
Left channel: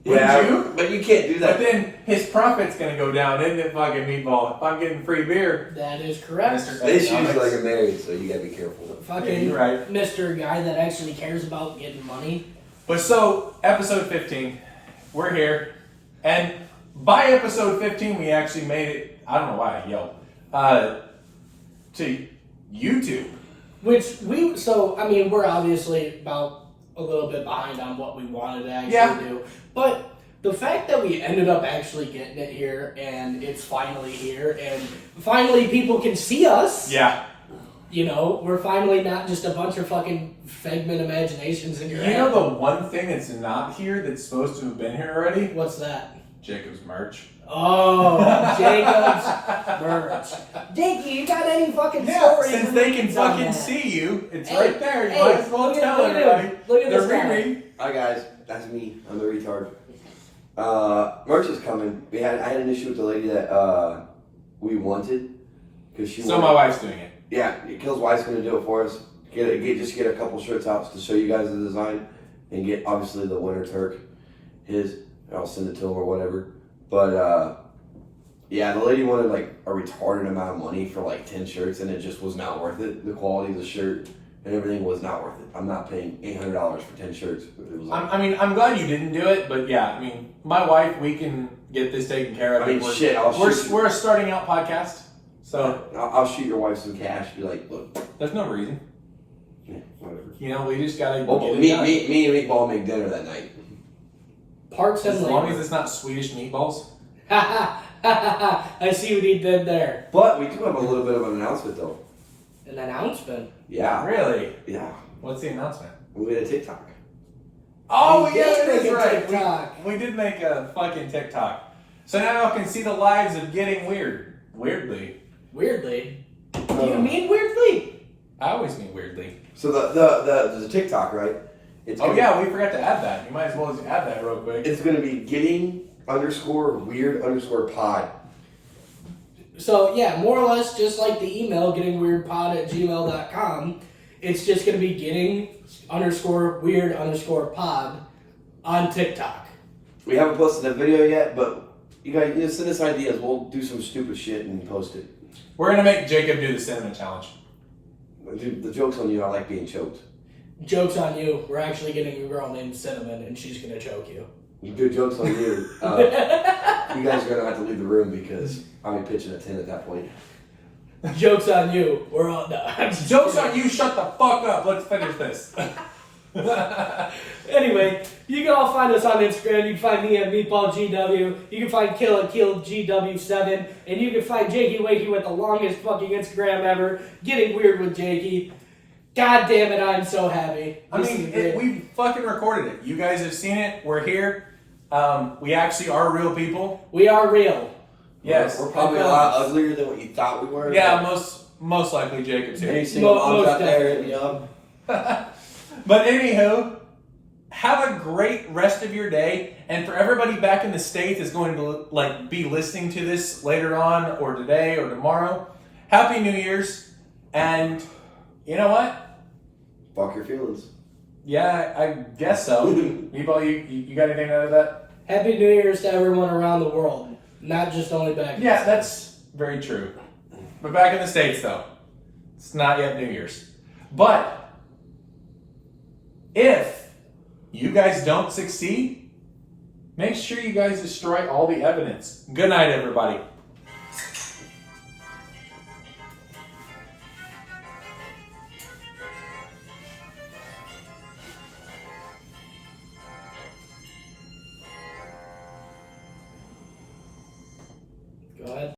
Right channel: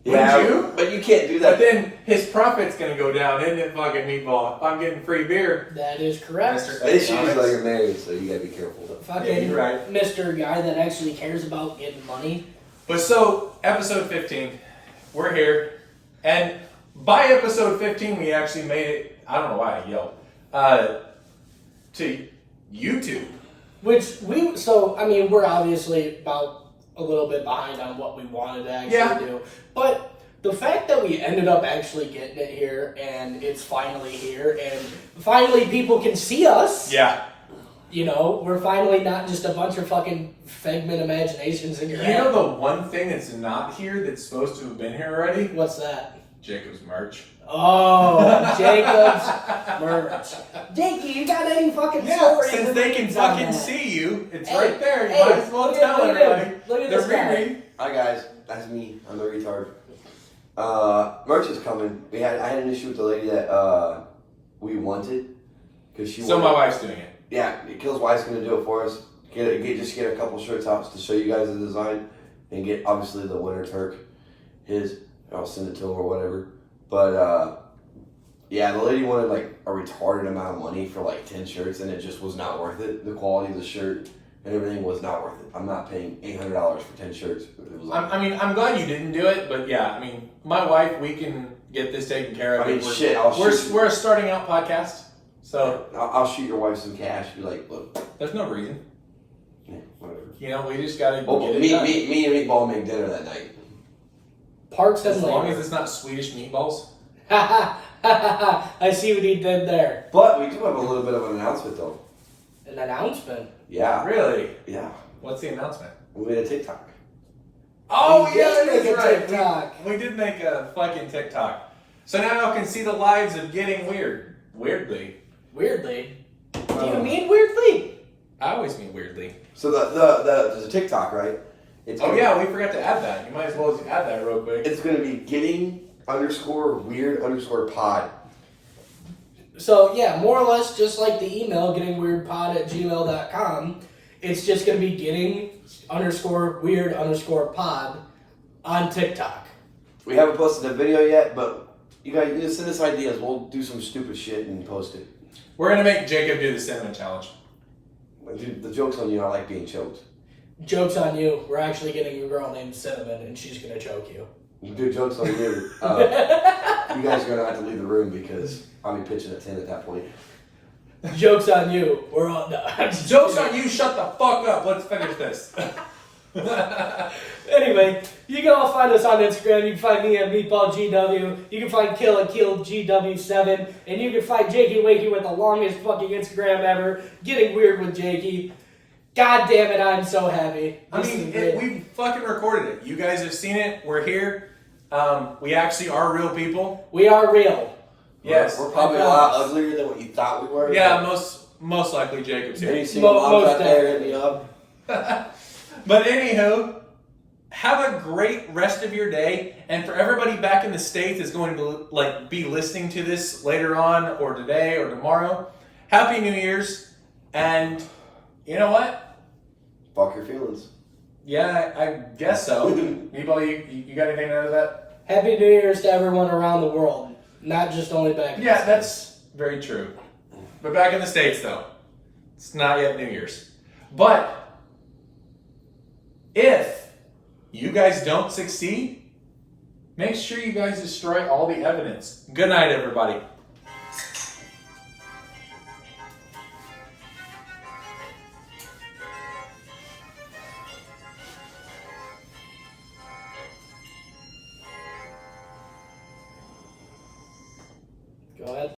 Yeah, Wouldn't you? But you can't do that. But then his profit's gonna go down, isn't it, fucking Meatball? If I'm getting free beer. That is correct. This is like a married, so you gotta be careful. Fucking Yeah, you're right. Mr. Guy that actually cares about getting money. But so, episode 15, we're here. And by episode 15, we actually made it, I don't know why I yelled, to YouTube. We're obviously about a little bit behind on what we wanted to actually do. But the fact that we ended up actually getting it here, and it's finally here, and finally people can see us. Yeah. You know, we're finally not just a bunch of fucking figment imaginations in your head. You know the one thing that's not here that's supposed to have been here already? What's that? Jacob's merch. Oh, Jacob's merch. Jakey, you got any fucking stories? Since they can on fucking that? see you, it's Hey, right there. You hey, might as well look tell at everybody. him. Look at The this guy. Riri. Hi guys, that's me. I'm a retard. Merch is coming. I had an issue with the lady that we wanted because she. So my wife's doing it. Yeah, Kill's wife's gonna do it for us. Get a couple shirts out to show you guys the design, and get obviously the Winter Turk. I'll send it to him or whatever. But Yeah, the lady wanted like a retarded amount of money for like 10 shirts, and it just was not worth it. The quality of the shirt and everything was not worth it. I'm not paying $800 for 10 shirts. It was like, I mean, I'm glad you didn't do it, but yeah, I mean, my wife, we can get this taken care of. I mean, We're a starting out podcast, so I'll shoot your wife some cash. Be like, look, there's no reason. yeah, whatever. You know, we just gotta Well, get it me done. and Meatball make dinner that night. Parks and As long labor. as it's not Swedish meatballs. I see what he did there. But we do have a little bit of an announcement, though. An announcement. Yeah, Really? yeah. What's the announcement? We made a TikTok. Oh, We yeah, did make that's a right. TikTok. We did make a fucking TikTok. So now y'all can see the lives of getting weird. Weirdly. Weirdly. Do you mean weirdly? I always mean weirdly. So there's a TikTok, right? It's Oh gonna- yeah, we forgot to add that. You might as well just add that real quick. It's going to be getting_weird_pod. So yeah, more or less just like the email gettingweirdpod@gmail.com. It's just gonna be getting_weird_pod on TikTok. We haven't posted the video yet, but you guys send us ideas. We'll do some stupid shit and post it. We're gonna make Jacob do the cinnamon challenge. Dude, the joke's on you. I like being choked. Joke's on you. We're actually getting a girl named Cinnamon, and she's gonna choke you. Dude, joke's on you. You guys are going to have to leave the room because I'll be pitching a 10 at that point. Joke's on you. We're on the. Joke's on you. Shut the fuck up. Let's finish this. Anyway, you can all find us on Instagram. You can find me at MeatballGW. You can find Kill at KillGW7. And you can find Jakey-Wakey with the longest fucking Instagram ever. Getting weird with Jakey. God damn it, I'm so happy. I mean, we fucking recorded it. You guys have seen it. We're here. We actually are real people. We are real. Yes. We're probably a lot uglier than what you thought we were. Yeah, most likely Jacob's Any here. single moms Most out there, hit me up. But anywho, have a great rest of your day. And for everybody back in the States that's going to be listening to this later on or today or tomorrow, Happy New Year's. And you know what? Fuck your feelings. Yeah, I guess so. Meaball, you got anything out of that? Happy New Year's to everyone around the world. Not just only back in Yeah, the that's very true. But back in the States, though, it's not yet New Year's. But if you guys don't succeed, make sure you guys destroy all the evidence. Good night, everybody. Go ahead.